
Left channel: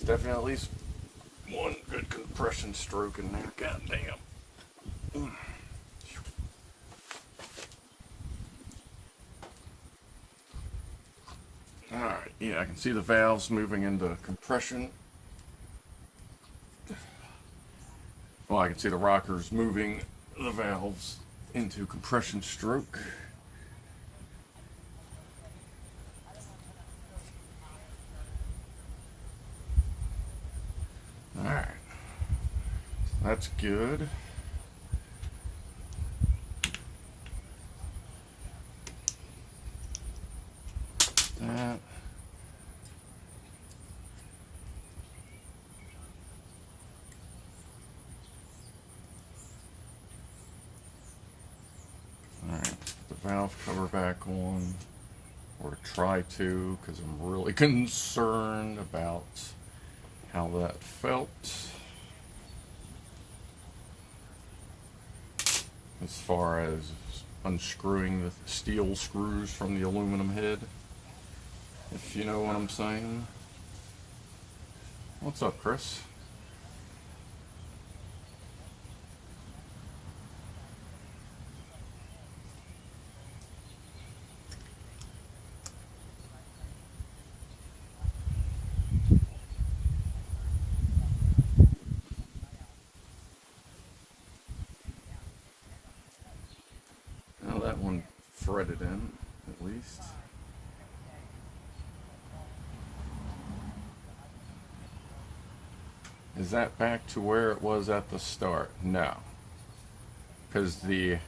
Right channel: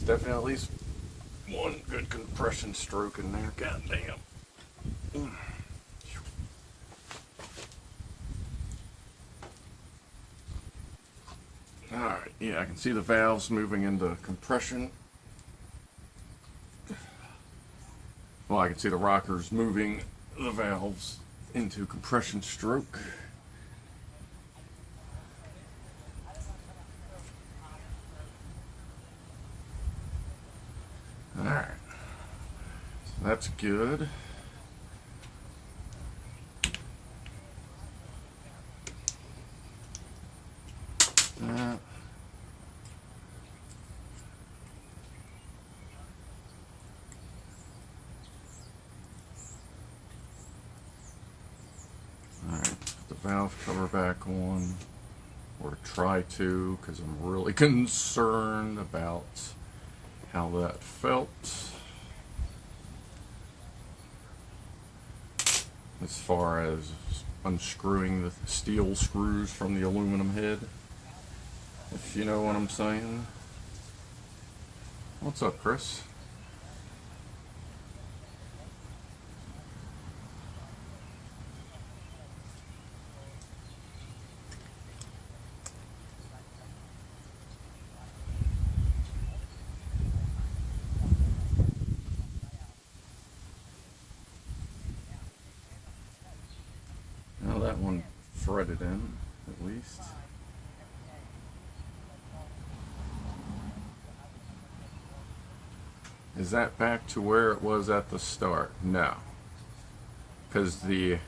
Definitely at least one good compression stroke in there. God damn. Alright, yeah, I can see the valves moving into compression. I can see the rockers moving the valves into compression stroke. Alright, so that's good. That. Alright, put the valve cover back on, or try to, because I'm really concerned about how that felt. As far as unscrewing the steel screws from the aluminum head, if you know what I'm saying. What's up, Chris? Now that one threaded in, at least. Is that back to where it was at the start? No, because the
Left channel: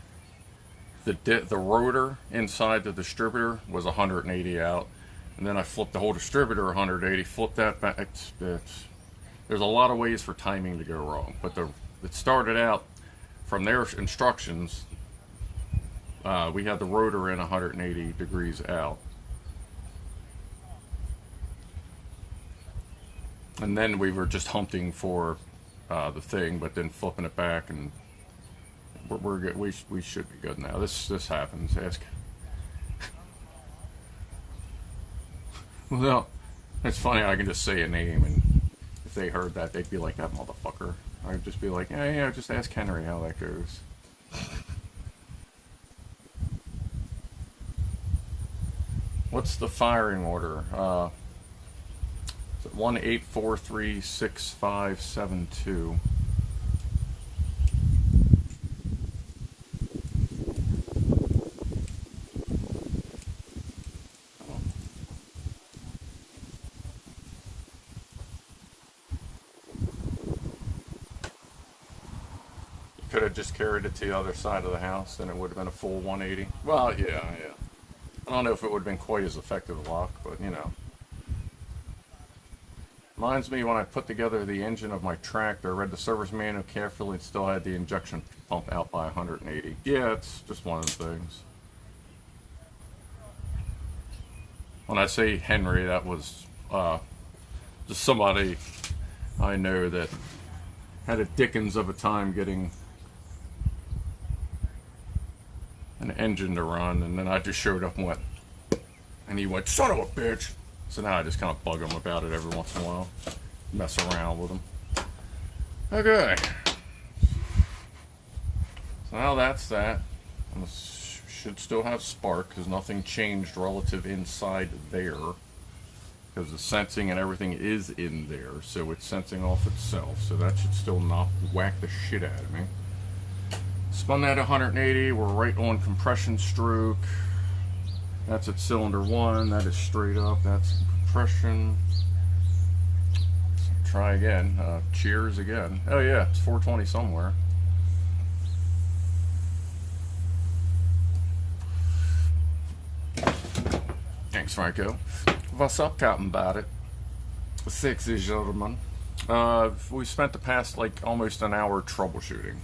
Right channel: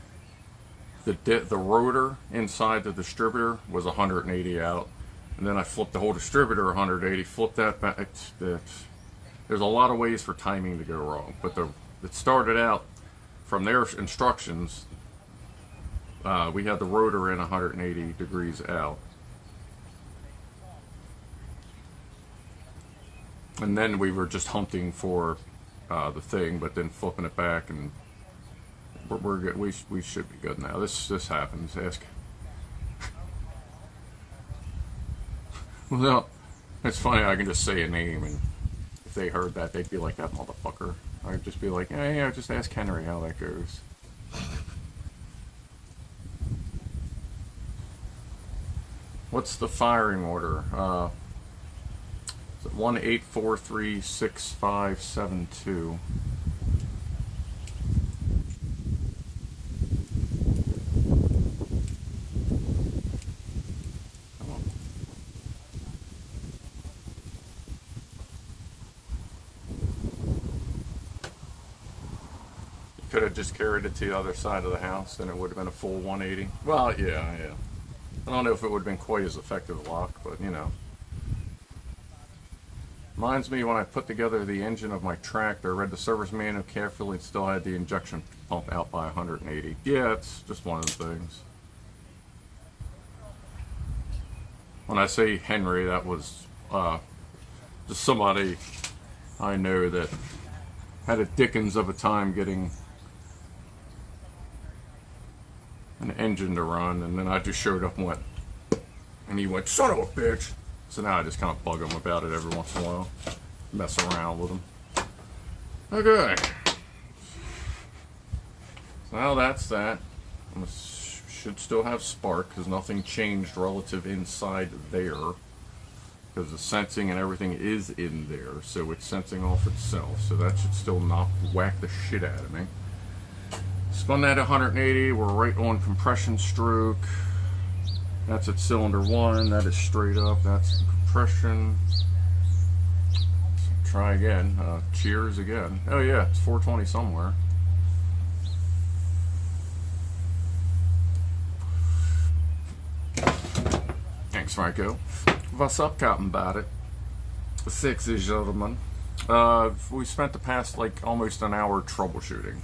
rotor inside the distributor was 180 out, and then I flipped the whole distributor 180, flipped that back. There's a lot of ways for timing to go wrong, but it started out from their instructions. We had the rotor in 180 degrees out. And then we were just hunting for the thing, but then flipping it back, and we're good. We should be good now. This happens. Ask. Well, it's funny. I can just say a name, and if they heard that, they'd be like, "That motherfucker." I'd just be like, "Yeah, just ask Henry how that goes." What's the firing order? 18436572. Could have just carried it to the other side of the house, and it would have been a full 180. Well, yeah. I don't know if it would have been quite as effective a lock, but you know. Reminds me when I put together the engine of my tractor, I read the service manual carefully and still had the injection pump out by 180. Yeah, it's just one of the things. When I say Henry, that was just somebody I know that had a dickens of a time getting an engine to run, and then I just showed up and went, and he went, "Son of a bitch." So now I just kind of bug him about it every once in a while, mess around with him. Okay. So now that's that. Should still have spark because nothing changed relative inside there, because the sensing and everything is in there, so it's sensing off itself. So that should still not whack the shit out of me. Spun that 180. We're right on compression stroke. That's at cylinder 1, that is straight up, that's compression. So try again, cheers again. Oh yeah, it's 420 somewhere. Thanks, Franco. What's up, Captain Badit? Sexy gentlemen. We spent the past almost an hour troubleshooting.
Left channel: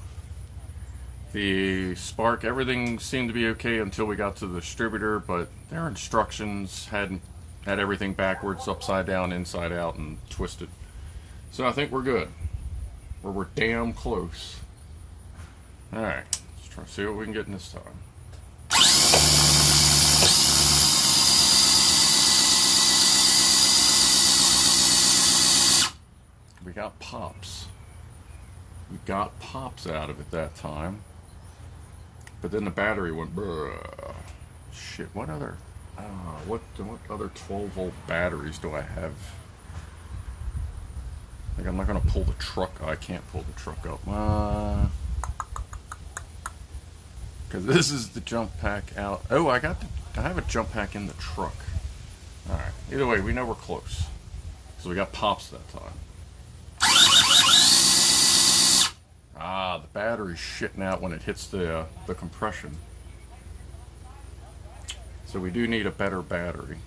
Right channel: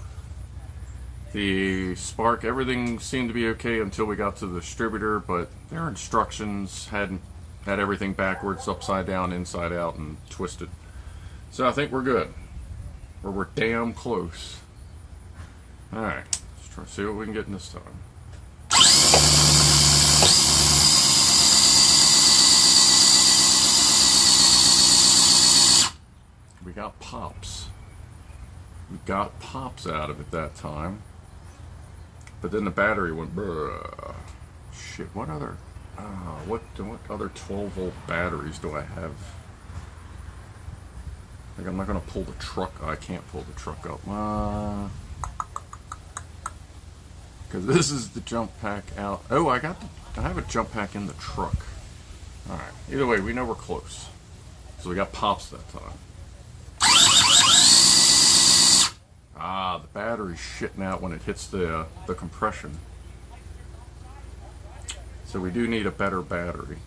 The spark, everything seemed to be okay until we got to the distributor, but their instructions had everything backwards, upside down, inside out, and twisted. So I think we're good. Or we're damn close. Alright, let's try to see what we can get in this time. We got pops. We got pops out of it that time. But then the battery went, bruh. Shit, what other, what other 12-volt batteries do I have? Like I'm not going to pull the truck. I can't pull the truck up. Because this is the jump pack out. Oh, I have a jump pack in the truck. Alright, either way, we know we're close. So we got pops that time. Ah, the battery's shitting out when it hits the compression. So we do need a better battery.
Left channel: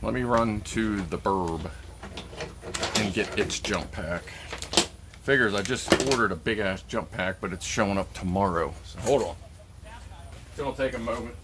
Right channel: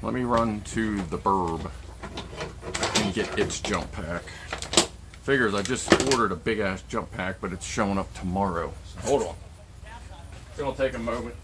Let me run to the Burb and get its jump pack. Figures I just ordered a big ass jump pack, but it's showing up tomorrow. So hold on. It's gonna take a moment.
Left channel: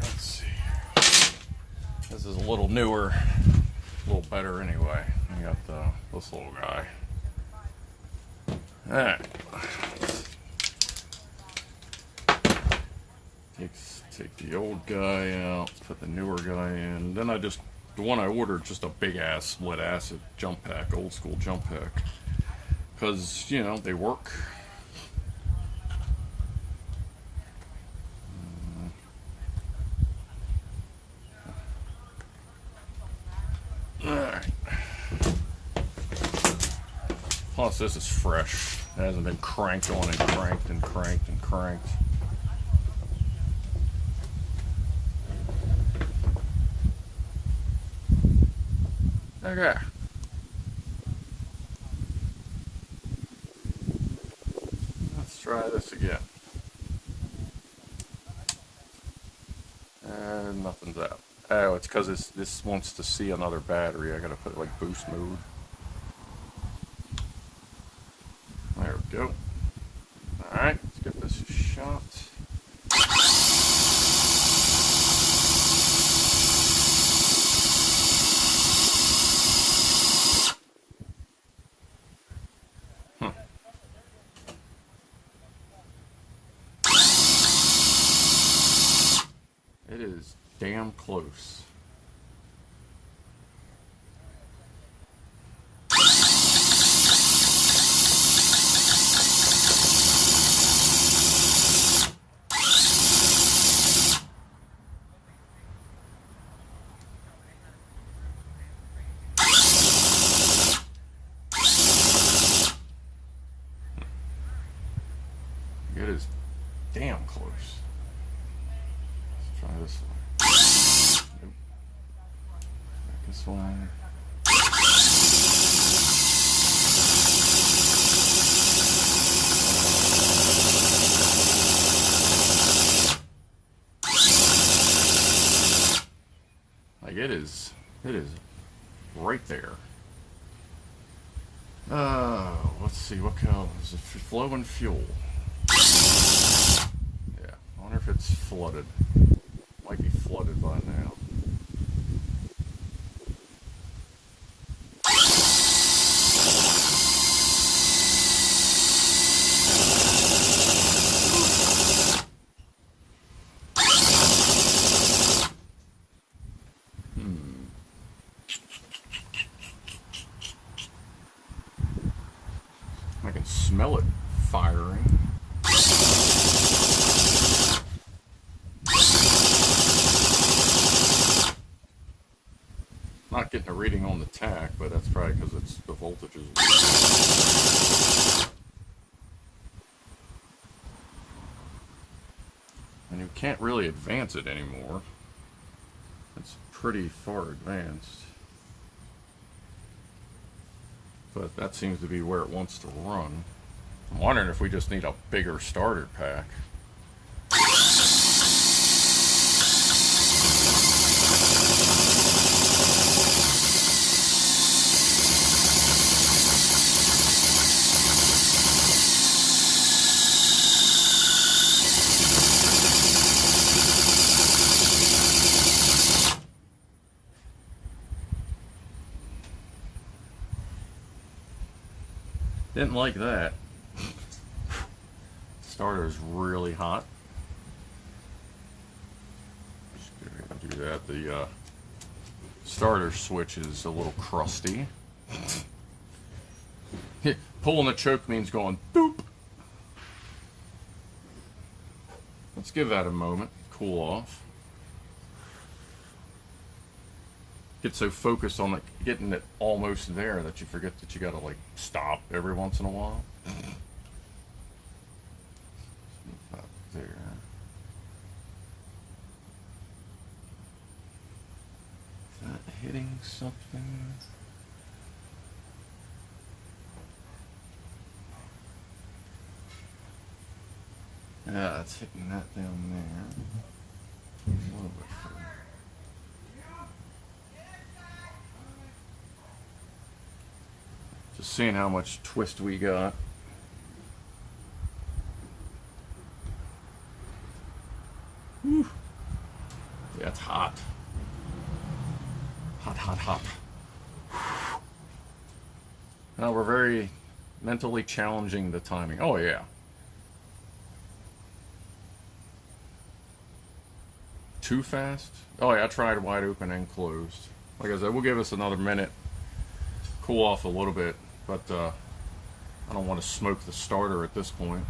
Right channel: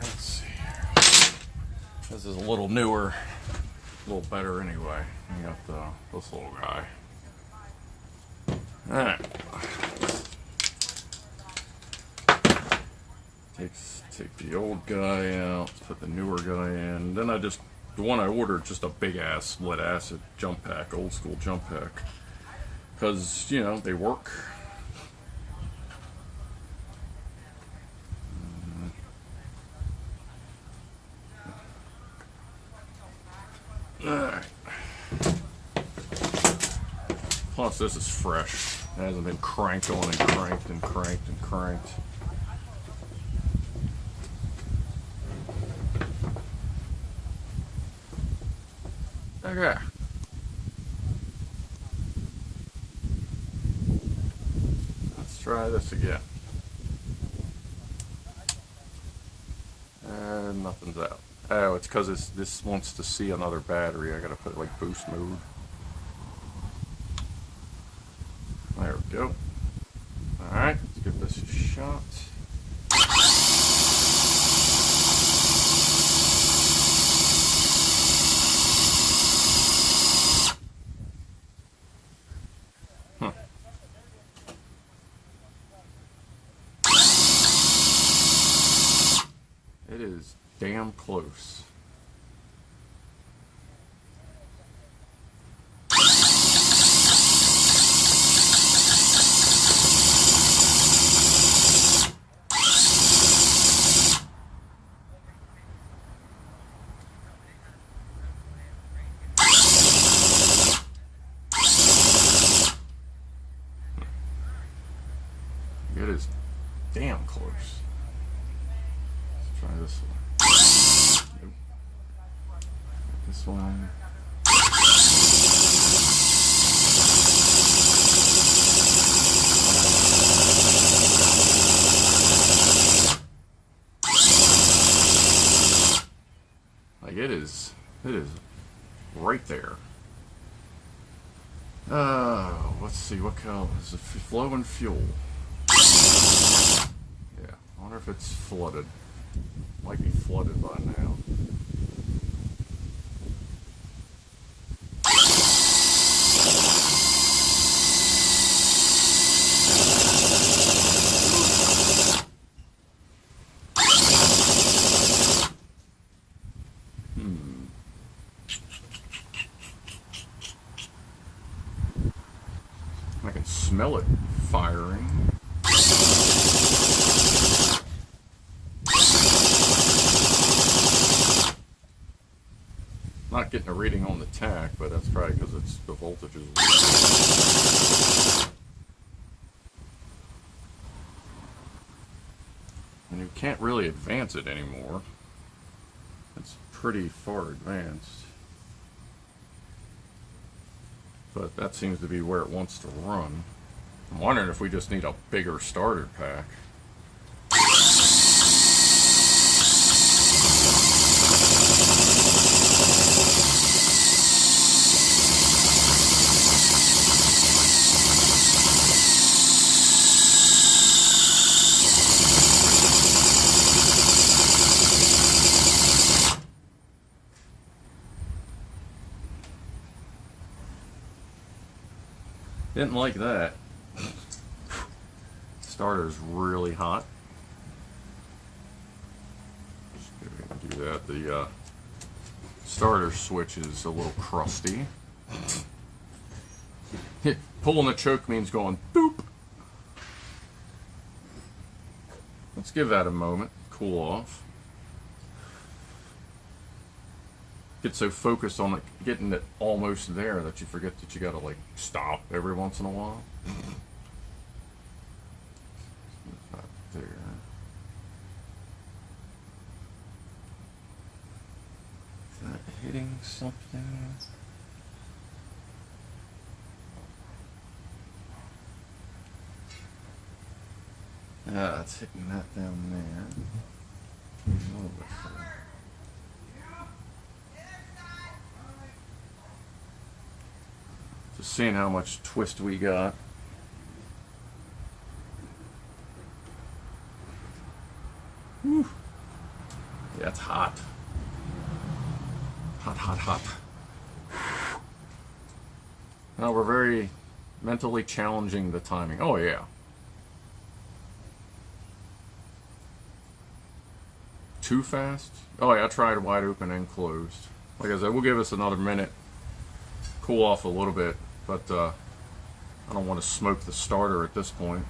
Let's see. This is a little newer, a little better anyway. We got this little guy. Alright. Take the old guy out, put the newer guy in. Then the one I ordered, just a big ass lead acid jump pack, old school jump pack. Because, you know, they work. Alright. Plus, this is fresh. It hasn't been cranked on and cranked and cranked and cranked. Okay. Let's try this again. Nothing's out. Oh, it's because this wants to see another battery. I gotta put it like boost mode. There we go. Alright, let's give this a shot. Huh. It is damn close. It is damn close. Let's try this one. Nope. This one. Like it is right there. Let's see, what color is it? Flowing fuel. Yeah, I wonder if it's flooded. Might be flooded by now. I can smell it firing. reading on the tach, but that's probably because it's the voltage is weak. And you can't really advance it anymore. It's pretty far advanced. But that seems to be where it wants to run. I'm wondering if we just need a bigger starter pack. Didn't like that. Starter's really hot. Just do that. The starter switch is a little crusty. Pulling the choke means going boop. Let's give that a moment. Cool off. Get so focused on it, getting it almost there that you forget that you gotta like stop every once in a while. Not there. Is that hitting something? Yeah, it's hitting that down there. A little bit further. Just seeing how much twist we got. Whew. Yeah, it's hot. Hot, hot, hot. Now we're very mentally challenging the timing. Oh yeah. Too fast? Oh yeah, I tried wide open and closed. Like I said, we'll give us another minute. Cool off a little bit. But I don't want to smoke the starter at this point.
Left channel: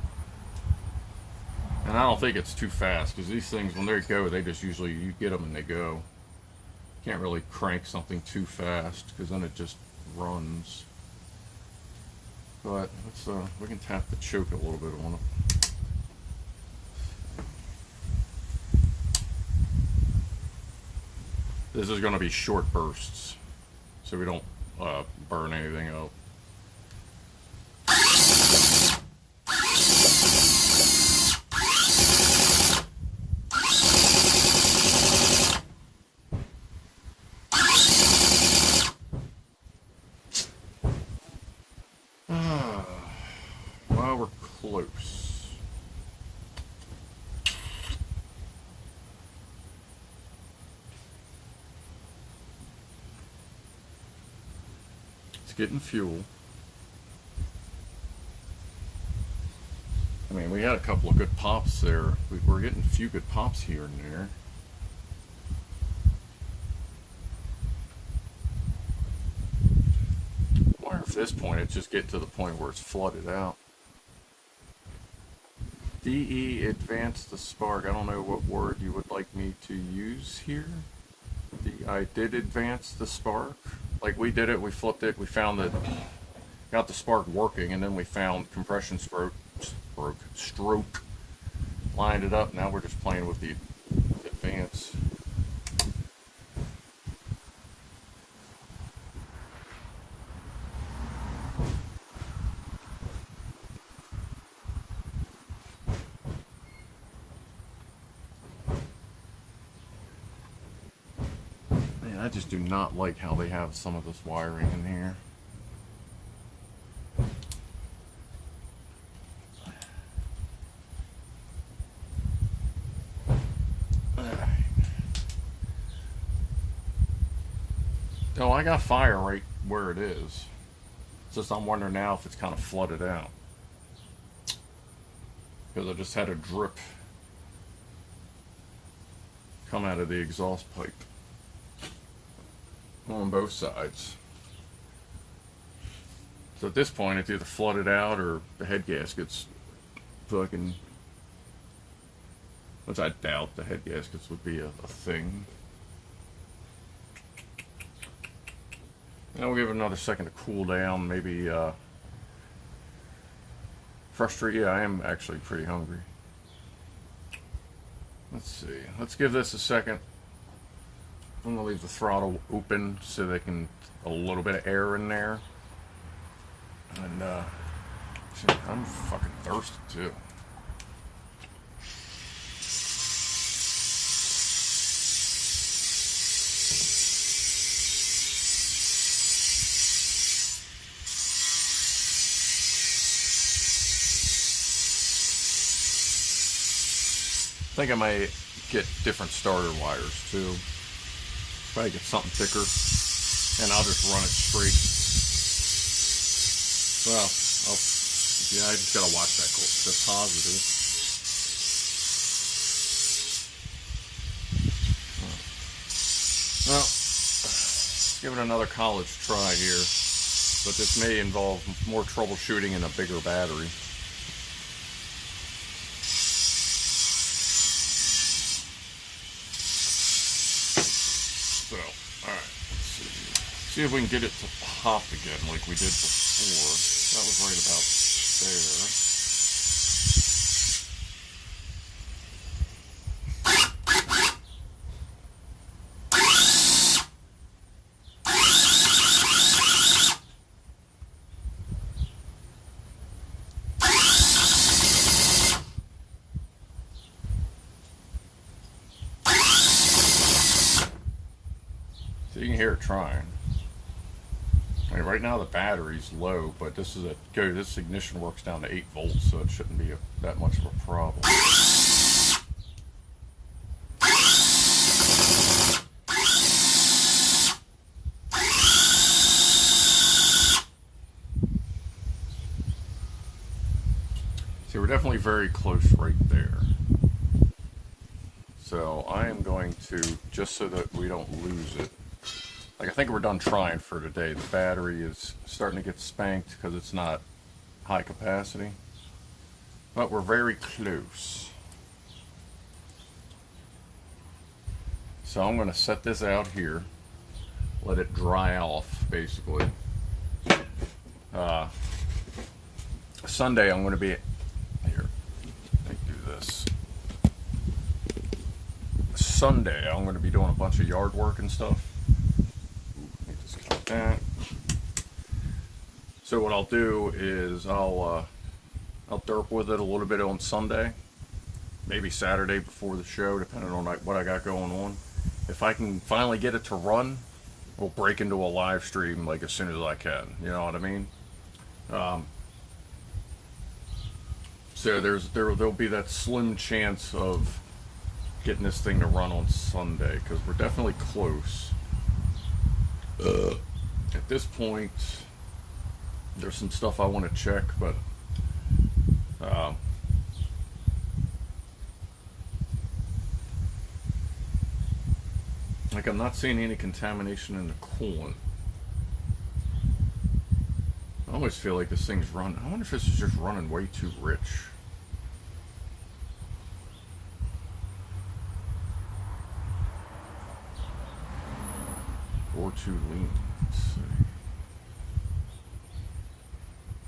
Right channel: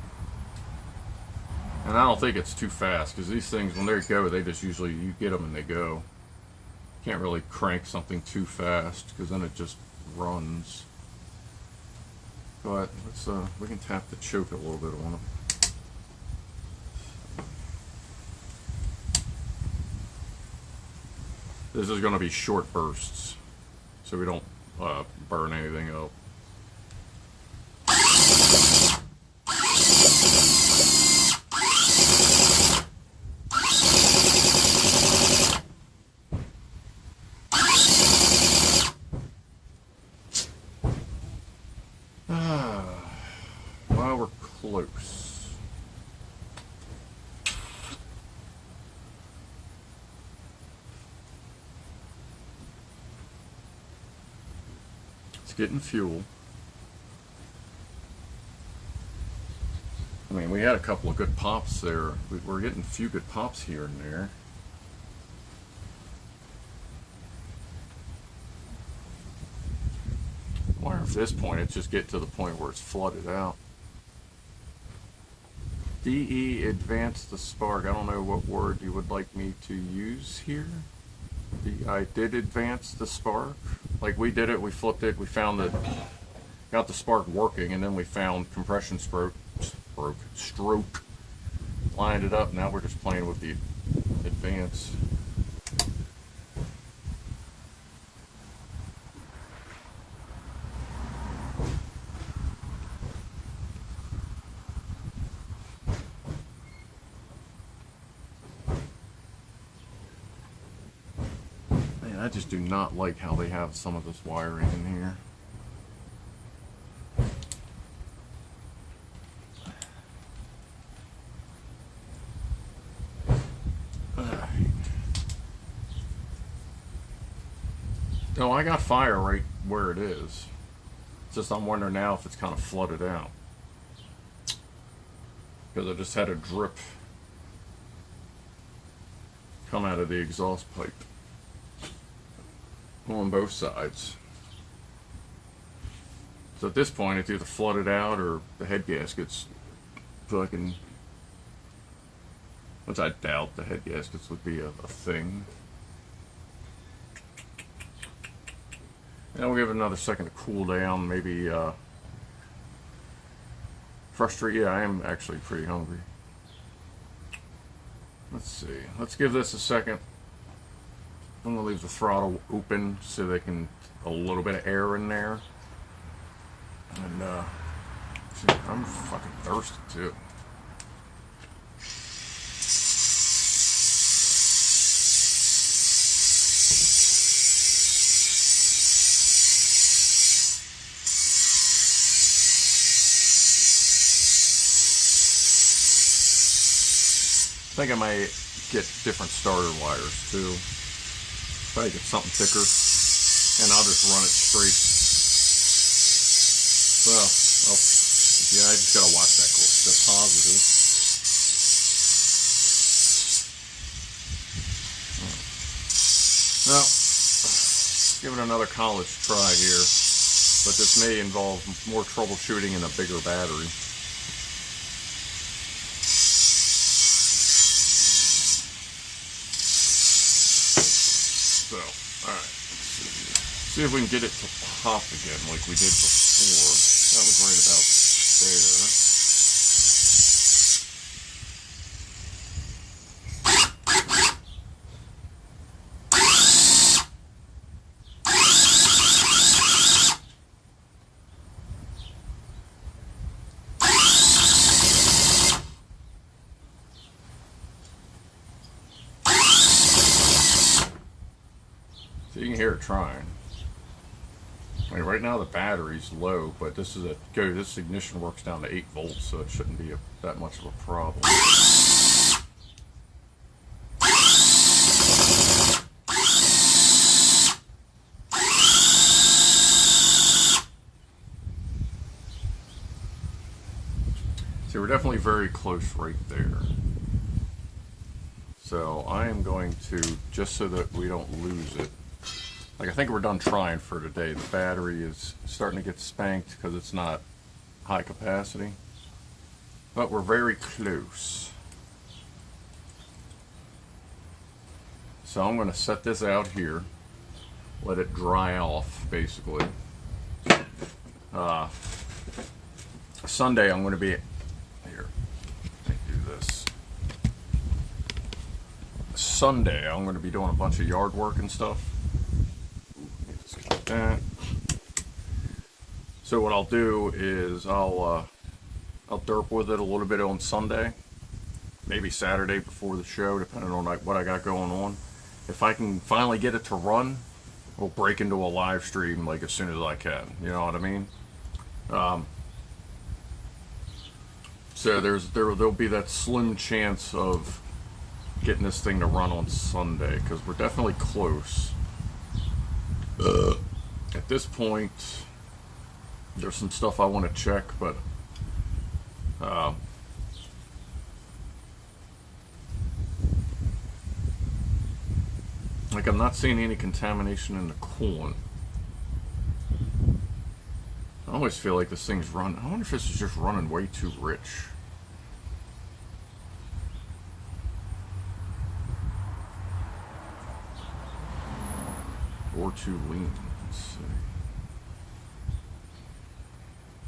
And I don't think it's too fast, because these things, when they go, they just usually, you get them and they go. Can't really crank something too fast, because then it just runs. But let's, we can tap the choke a little bit on it. This is going to be short bursts, so we don't burn anything up. Well, we're close. It's getting fuel. I mean, we had a couple of good pops there. We're getting a few good pops here and there. I wonder if at this point it's just getting to the point where it's flooded out. DE advance the spark. I don't know what word you would like me to use here. I did advance the spark. Like we did it, we flipped it, we found it, got the spark working, and then we found compression stroke, lined it up. Now we're just playing with the advance. Man, I just do not like how they have some of this wiring in here. No, I got fire right where it is. It's just I'm wondering now if it's kind of flooded out. Because I just had a drip come out of the exhaust pipe on both sides. So at this point it's either flooded out or the head gasket's fucking, which I doubt the head gaskets would be a thing. And we'll give it another second to cool down. Maybe frustrated. Yeah, I am actually pretty hungry. Let's see. Let's give this a second. I'm gonna leave the throttle open so they can a little bit of air in there. And I'm fucking thirsty too. I think I might get different starter wires too. Probably get something thicker, and I'll just run it straight. Well, yeah, I just gotta watch that positive. Right. Well, give it another college try here, but this may involve more troubleshooting and a bigger battery. So, alright, see if we can get it to pop again like we did before. That was right about there. So you can hear it trying. I mean, right now the battery's low, but this ignition works down to 8 volts, so it shouldn't be that much of a problem. So we're definitely very close right there. So I am going to, just so that we don't lose it, like I think we're done trying for today. The battery is starting to get spanked because it's not high capacity, but we're very close. So I'm going to set this out here, let it dry off basically. Sunday I'm going to be here. Let me do this. Sunday I'm going to be doing a bunch of yard work and stuff. That. So what I'll do is I'll derp with it a little bit on Sunday, maybe Saturday before the show, depending on what I got going on. If I can finally get it to run, we'll break into a live stream like as soon as I can. You know what I mean? So there'll be that slim chance of getting this thing to run on Sunday because we're definitely close. At this point, there's some stuff I want to check, but like I'm not seeing any contamination in the coolant. I always feel like this thing's running. I wonder if this is just running way too rich. Or too lean. Let's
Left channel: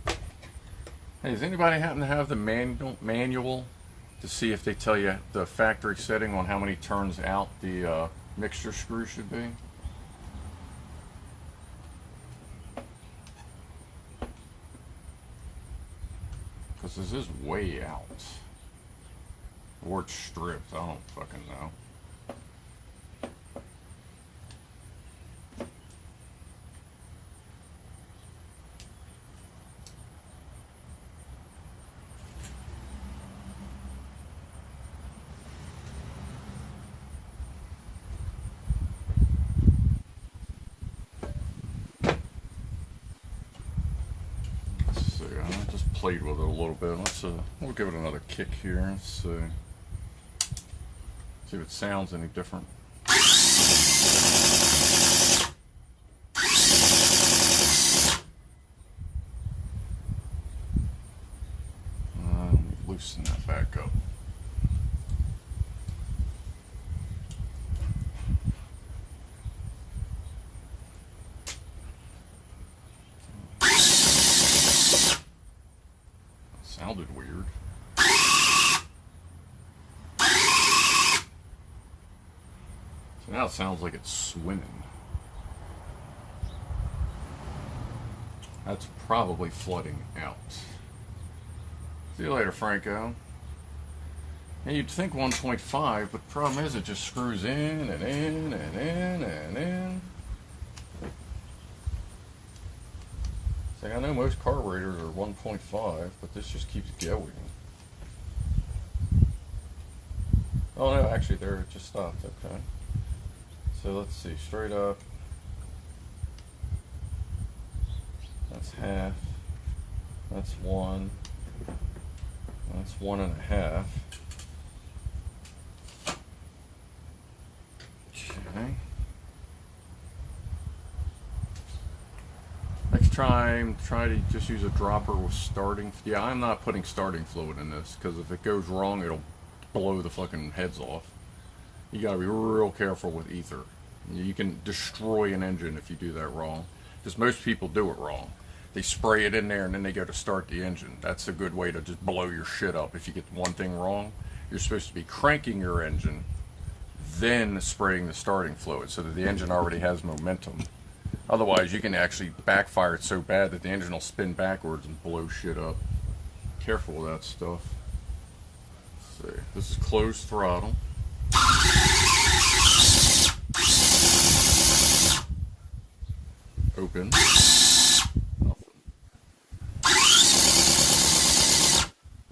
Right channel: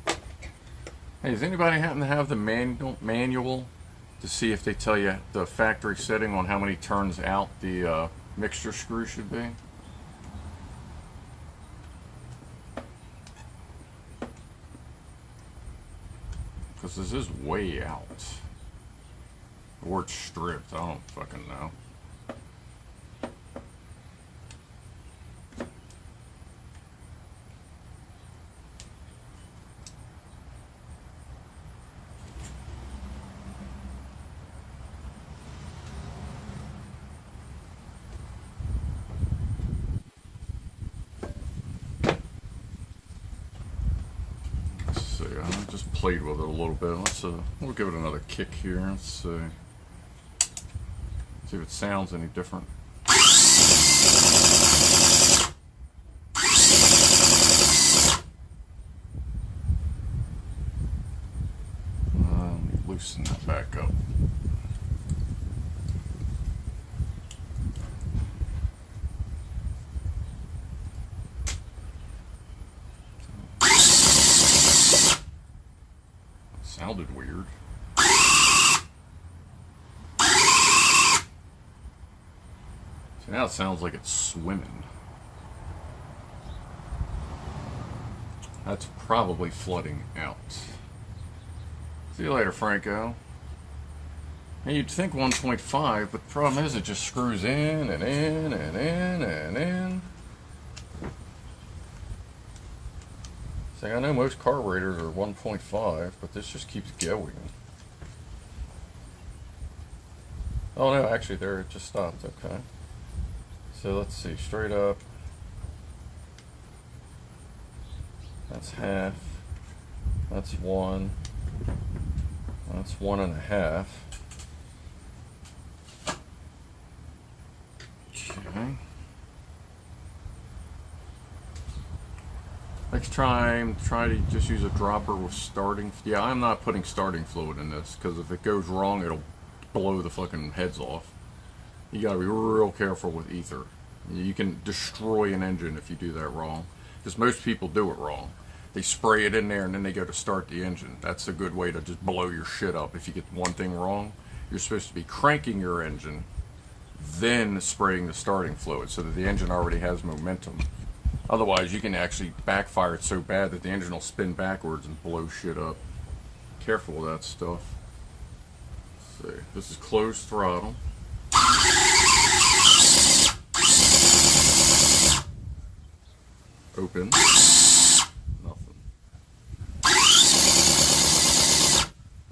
see. Hey, does anybody happen to have the manual to see if they tell you the factory setting on how many turns out the mixture screw should be? Because this is way out. Or it's stripped, I don't fucking know. I just played with it a little bit. We'll give it another kick here. Let's see if it sounds any different. Let me loosen that back up. sounded weird. So now it sounds like it's swimming. That's probably flooding out. See you later, Franco. And you'd think 1.5, but the problem is it just screws in and in and in and in. See, I know most carburetors are 1.5, but this just keeps going. Oh no, actually there it just stopped, okay. So let's see, straight up. That's half. That's 1. That's 1.5. Okay. Next time, try to just use a dropper with starting. Yeah, I'm not putting starting fluid in this because if it goes wrong, it'll blow the fucking heads off. You gotta be real careful with ether. You can destroy an engine if you do that wrong. Because most people do it wrong. They spray it in there and then they go to start the engine. That's a good way to just blow your shit up. If you get one thing wrong, you're supposed to be cranking your engine, then spraying the starting fluid so that the engine already has momentum. Otherwise, you can actually backfire it so bad that the engine will spin backwards and blow shit up. Careful of that stuff. Let's see. This is closed throttle. Open. I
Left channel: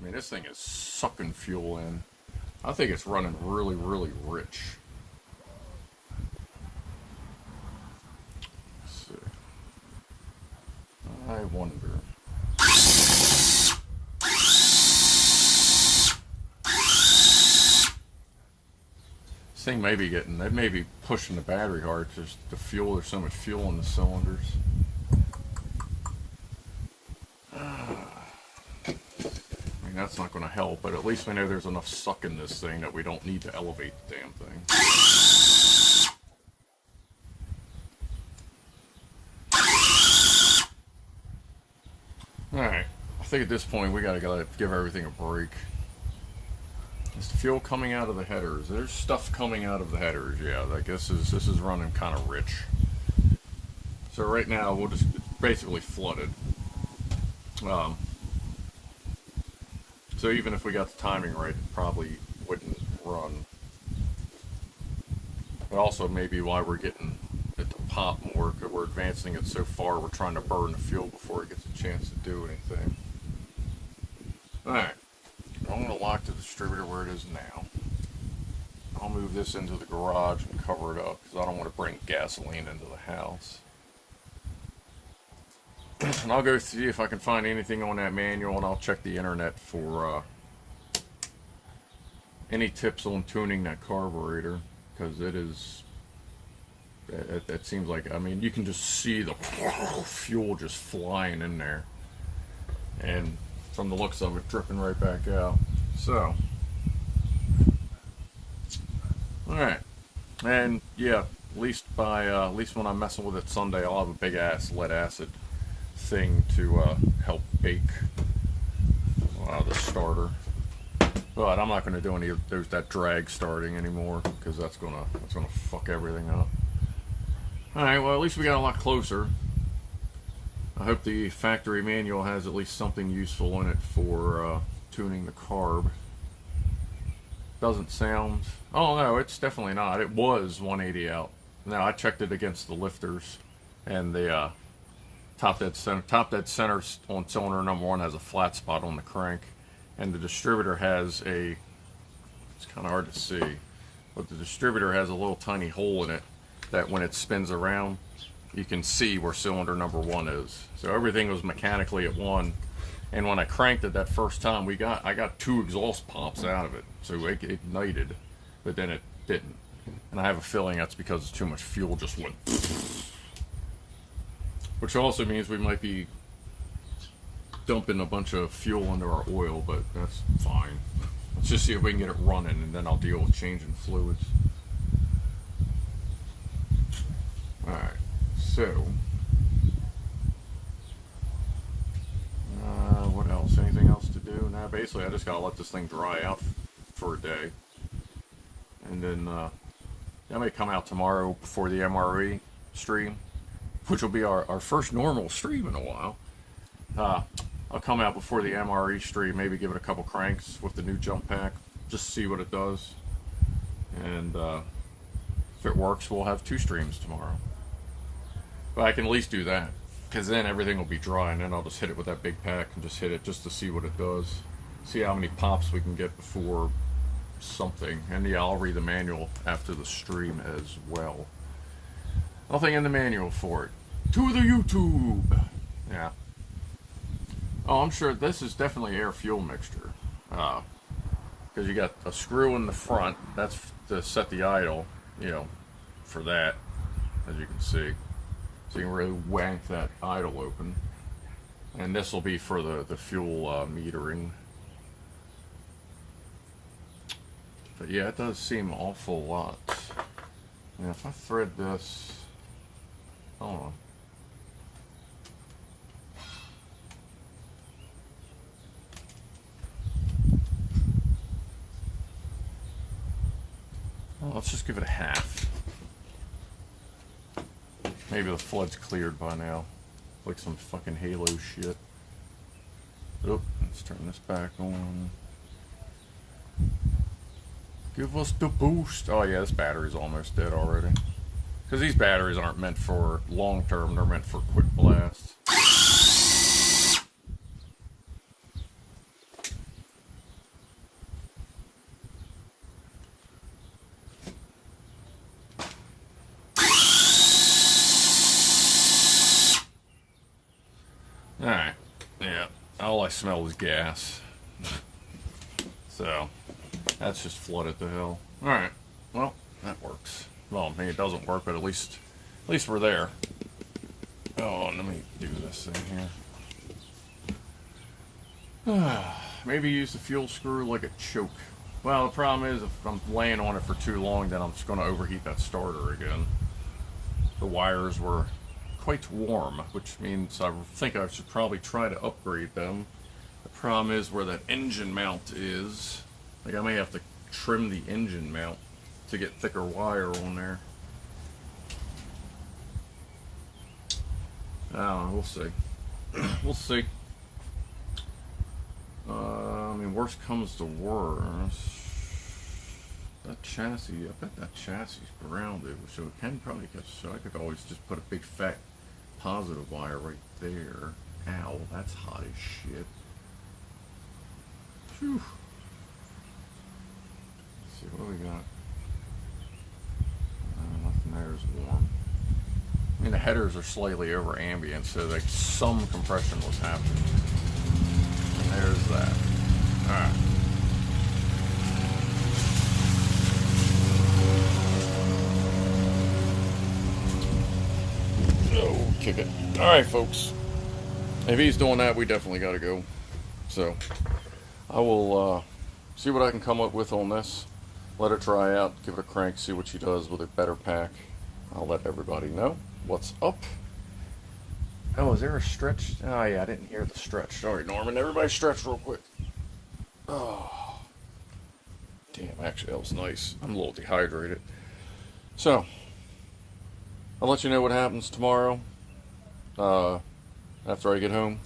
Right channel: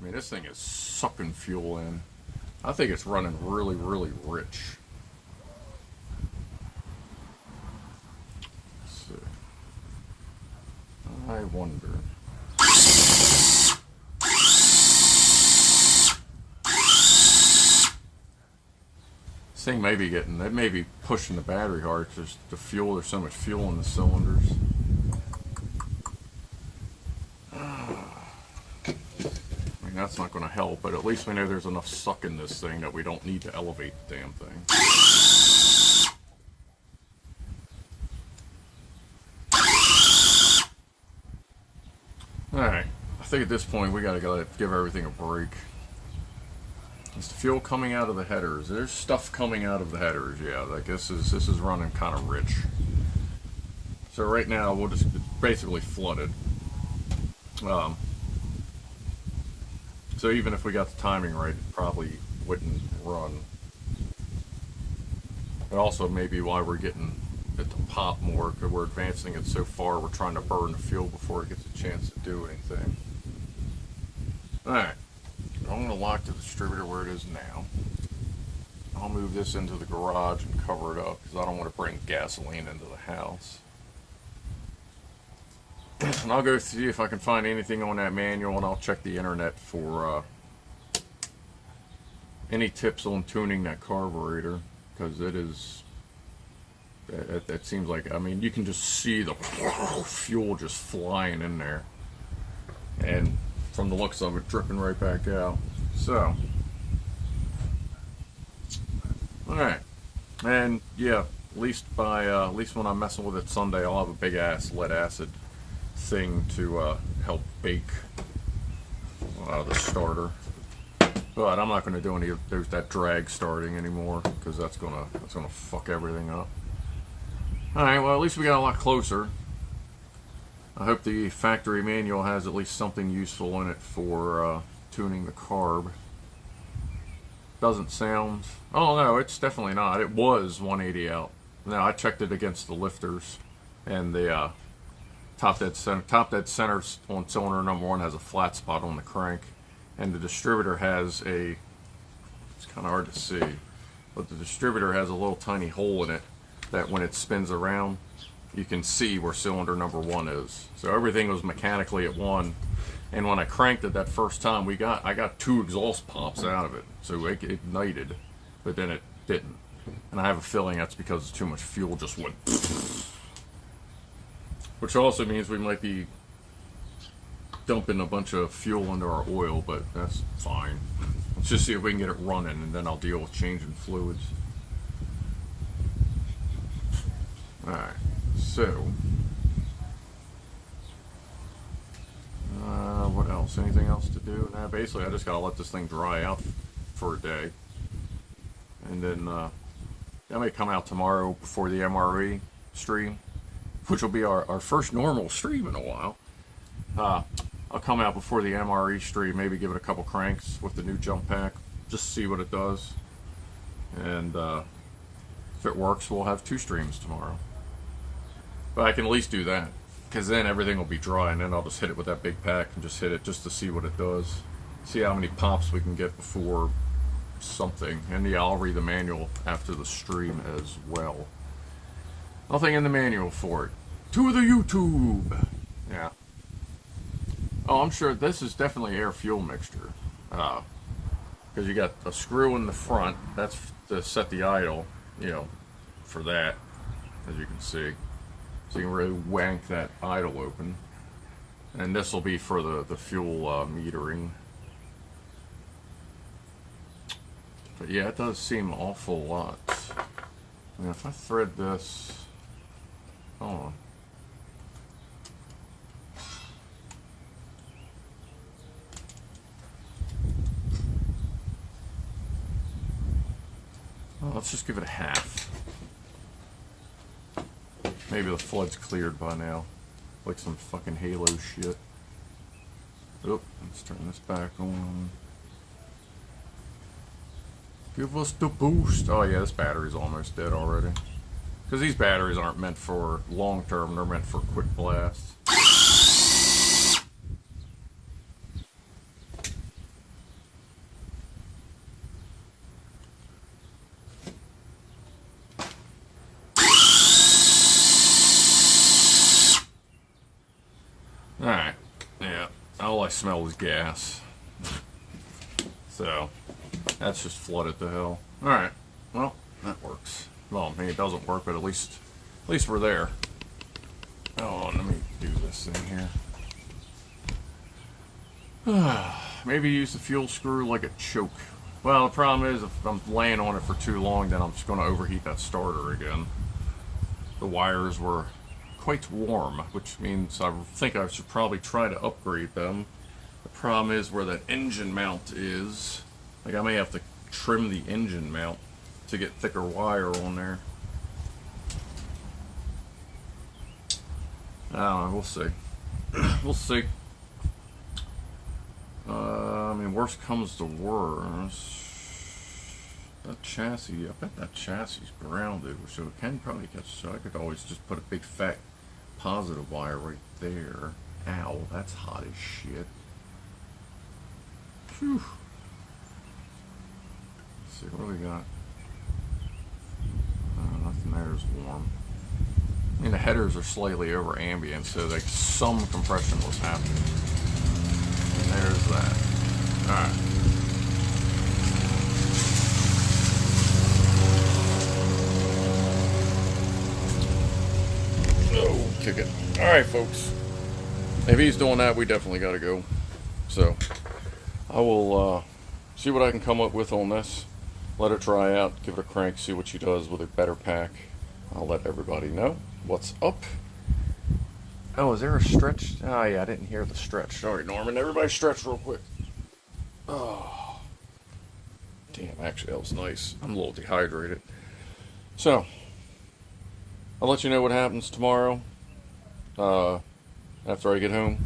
mean, this thing is sucking fuel in. I think it's running really, really rich. Let's see. I wonder. This thing may be getting, they may be pushing the battery hard because the fuel, there's so much fuel in the cylinders. That's not going to help, but at least we know there's enough suck in this thing that we don't need to elevate the damn thing. Alright, I think at this point we gotta give everything a break. Is the fuel coming out of the headers? There's stuff coming out of the headers, yeah. Like this is running kind of rich. So right now we'll just basically flooded. So even if we got the timing right, it probably wouldn't run. But also maybe why we're getting it to pop more, because we're advancing it so far, we're trying to burn the fuel before it gets a chance to do anything. Alright, I'm going to lock the distributor where it is now. I'll move this into the garage and cover it up, because I don't want to bring gasoline into the house. And I'll go see if I can find anything on that manual, and I'll check the internet for any tips on tuning that carburetor, because it is, it seems like, I mean, you can just see the fuel just flying in there, and from the looks of it, dripping right back out. So, alright, and yeah, at least when I'm messing with it Sunday, I'll have a big ass lead acid thing to help bake the starter. But I'm not going to do any of that drag starting anymore, because that's gonna fuck everything up. Alright, well at least we got a lot closer. I hope the factory manual has at least something useful in it for tuning the carb. Doesn't sound, oh no, it's definitely not. It was 180 out. Now I checked it against the lifters, and the top dead center on cylinder number 1 has a flat spot on the crank, and the distributor has a, it's kind of hard to see, but the distributor has a little tiny hole in it that when it spins around, you can see where cylinder number 1 is. So everything was mechanically at 1, and when I cranked it that first time, I got 2 exhaust pops out of it, so it ignited, but then it didn't. And I have a feeling that's because too much fuel just went. Which also means we might be dumping a bunch of fuel into our oil, but that's fine. Let's just see if we can get it running, and then I'll deal with changing fluids. Alright, so what else? Anything else to do? do? Now, basically, I just gotta let this thing dry out for a day. And then, that may come out tomorrow before the MRE stream, which will be our first normal stream in a while. I'll come out before the MRE stream, maybe give it a couple cranks with the new jump pack, just see what it does. And if it works, we'll have 2 streams tomorrow. But I can at least do that, because then everything will be dry, and then I'll just hit it with that big pack and just hit it just to see what it does. See how many pops we can get before something. And yeah, I'll read the manual after the stream as well. Nothing in the manual for it. To the YouTube! Yeah. Oh, I'm sure this is definitely air fuel mixture. Because you got a screw in the front. That's to set the idle, you know, for that, as you can see. So you can really wank that idle open. And this will be for the fuel metering. But yeah, it does seem an awful lot. I mean, if I thread this, hold on. Well, let's just give it a half. Maybe the flood's cleared by now. Like some fucking Halo shit. Oh, let's turn this back on. Give us the boost. Oh yeah, this battery's almost dead already. Because these batteries aren't meant for long term, they're meant for quick blasts. Alright, yeah, all I smell is gas. So, that's just flooded to hell. Alright, well, that works. Well, I mean, it doesn't work, but at least we're there. Oh, let me do this thing here. Maybe use the fuel screw like a choke. Well, the problem is, if I'm laying on it for too long, then I'm just going to overheat that starter again. The wires were quite warm, which means I think I should probably try to upgrade them. The problem is where that engine mount is. Like, I may have to trim the engine mount to get thicker wire on there. I don't know, we'll see. We'll see. I mean, worst comes to worst. That chassis, I bet that chassis is grounded, so it can probably catch. So I could always just put a big fat positive wire right there. Ow, that's hot as shit. Phew. Let's see, what do we got? Nothing there is warm. I mean, the headers are slightly over ambient, so like some compression was happening. And there's that. Alright. Oh, ticket. Alright, folks. If he's doing that, we definitely got to go. So, I will see what I can come up with on this. Let it dry out, give it a crank, see what she does with a better pack. I'll let everybody know what's up. Oh, is there a stretch? Oh, yeah, I didn't hear the stretch. Sorry, Norman. Everybody stretch real quick. Oh. Damn, actually, that was nice. I'm a little dehydrated. So, I'll let you know what happens tomorrow. After I get home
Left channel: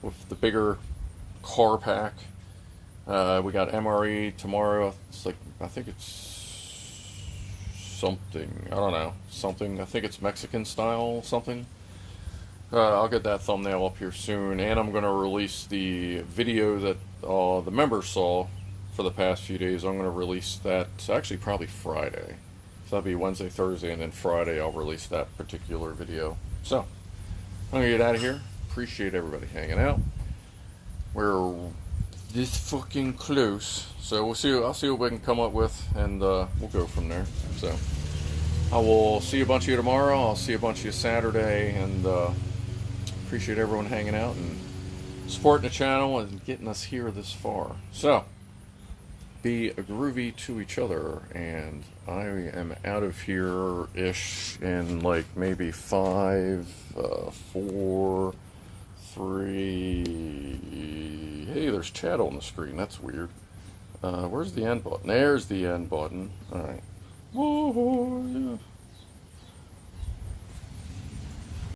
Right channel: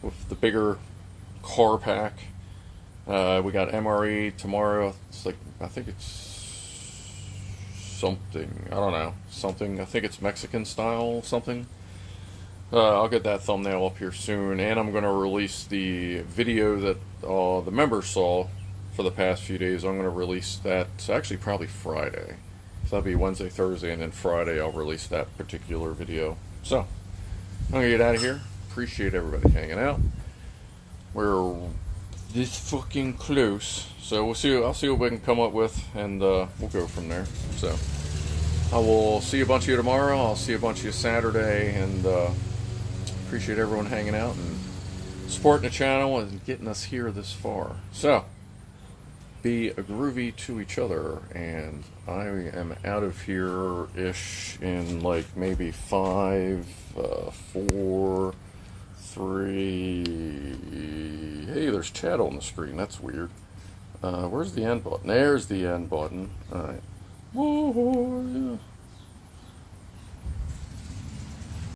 with the bigger car pack. We got MRE tomorrow. It's like, I think it's something. I don't know. Something. I think it's Mexican style something. I'll get that thumbnail up here soon. And I'm going to release the video that the members saw for the past few days. I'm going to release that actually probably Friday. So that'll be Wednesday, Thursday, and then Friday I'll release that particular video. So, I'm going to get out of here. Appreciate everybody hanging out. We're this fucking close, so we'll see. I'll see what we can come up with, and we'll go from there. So I will see a bunch of you tomorrow. I'll see a bunch of you Saturday, and appreciate everyone hanging out and supporting the channel and getting us here this far. So be a groovy to each other, and I am out of here ish in like maybe 5, 4, 3. hey, there's chat on the screen. That's weird. Where's the end button? There's the end button. All right. Whoa, yeah.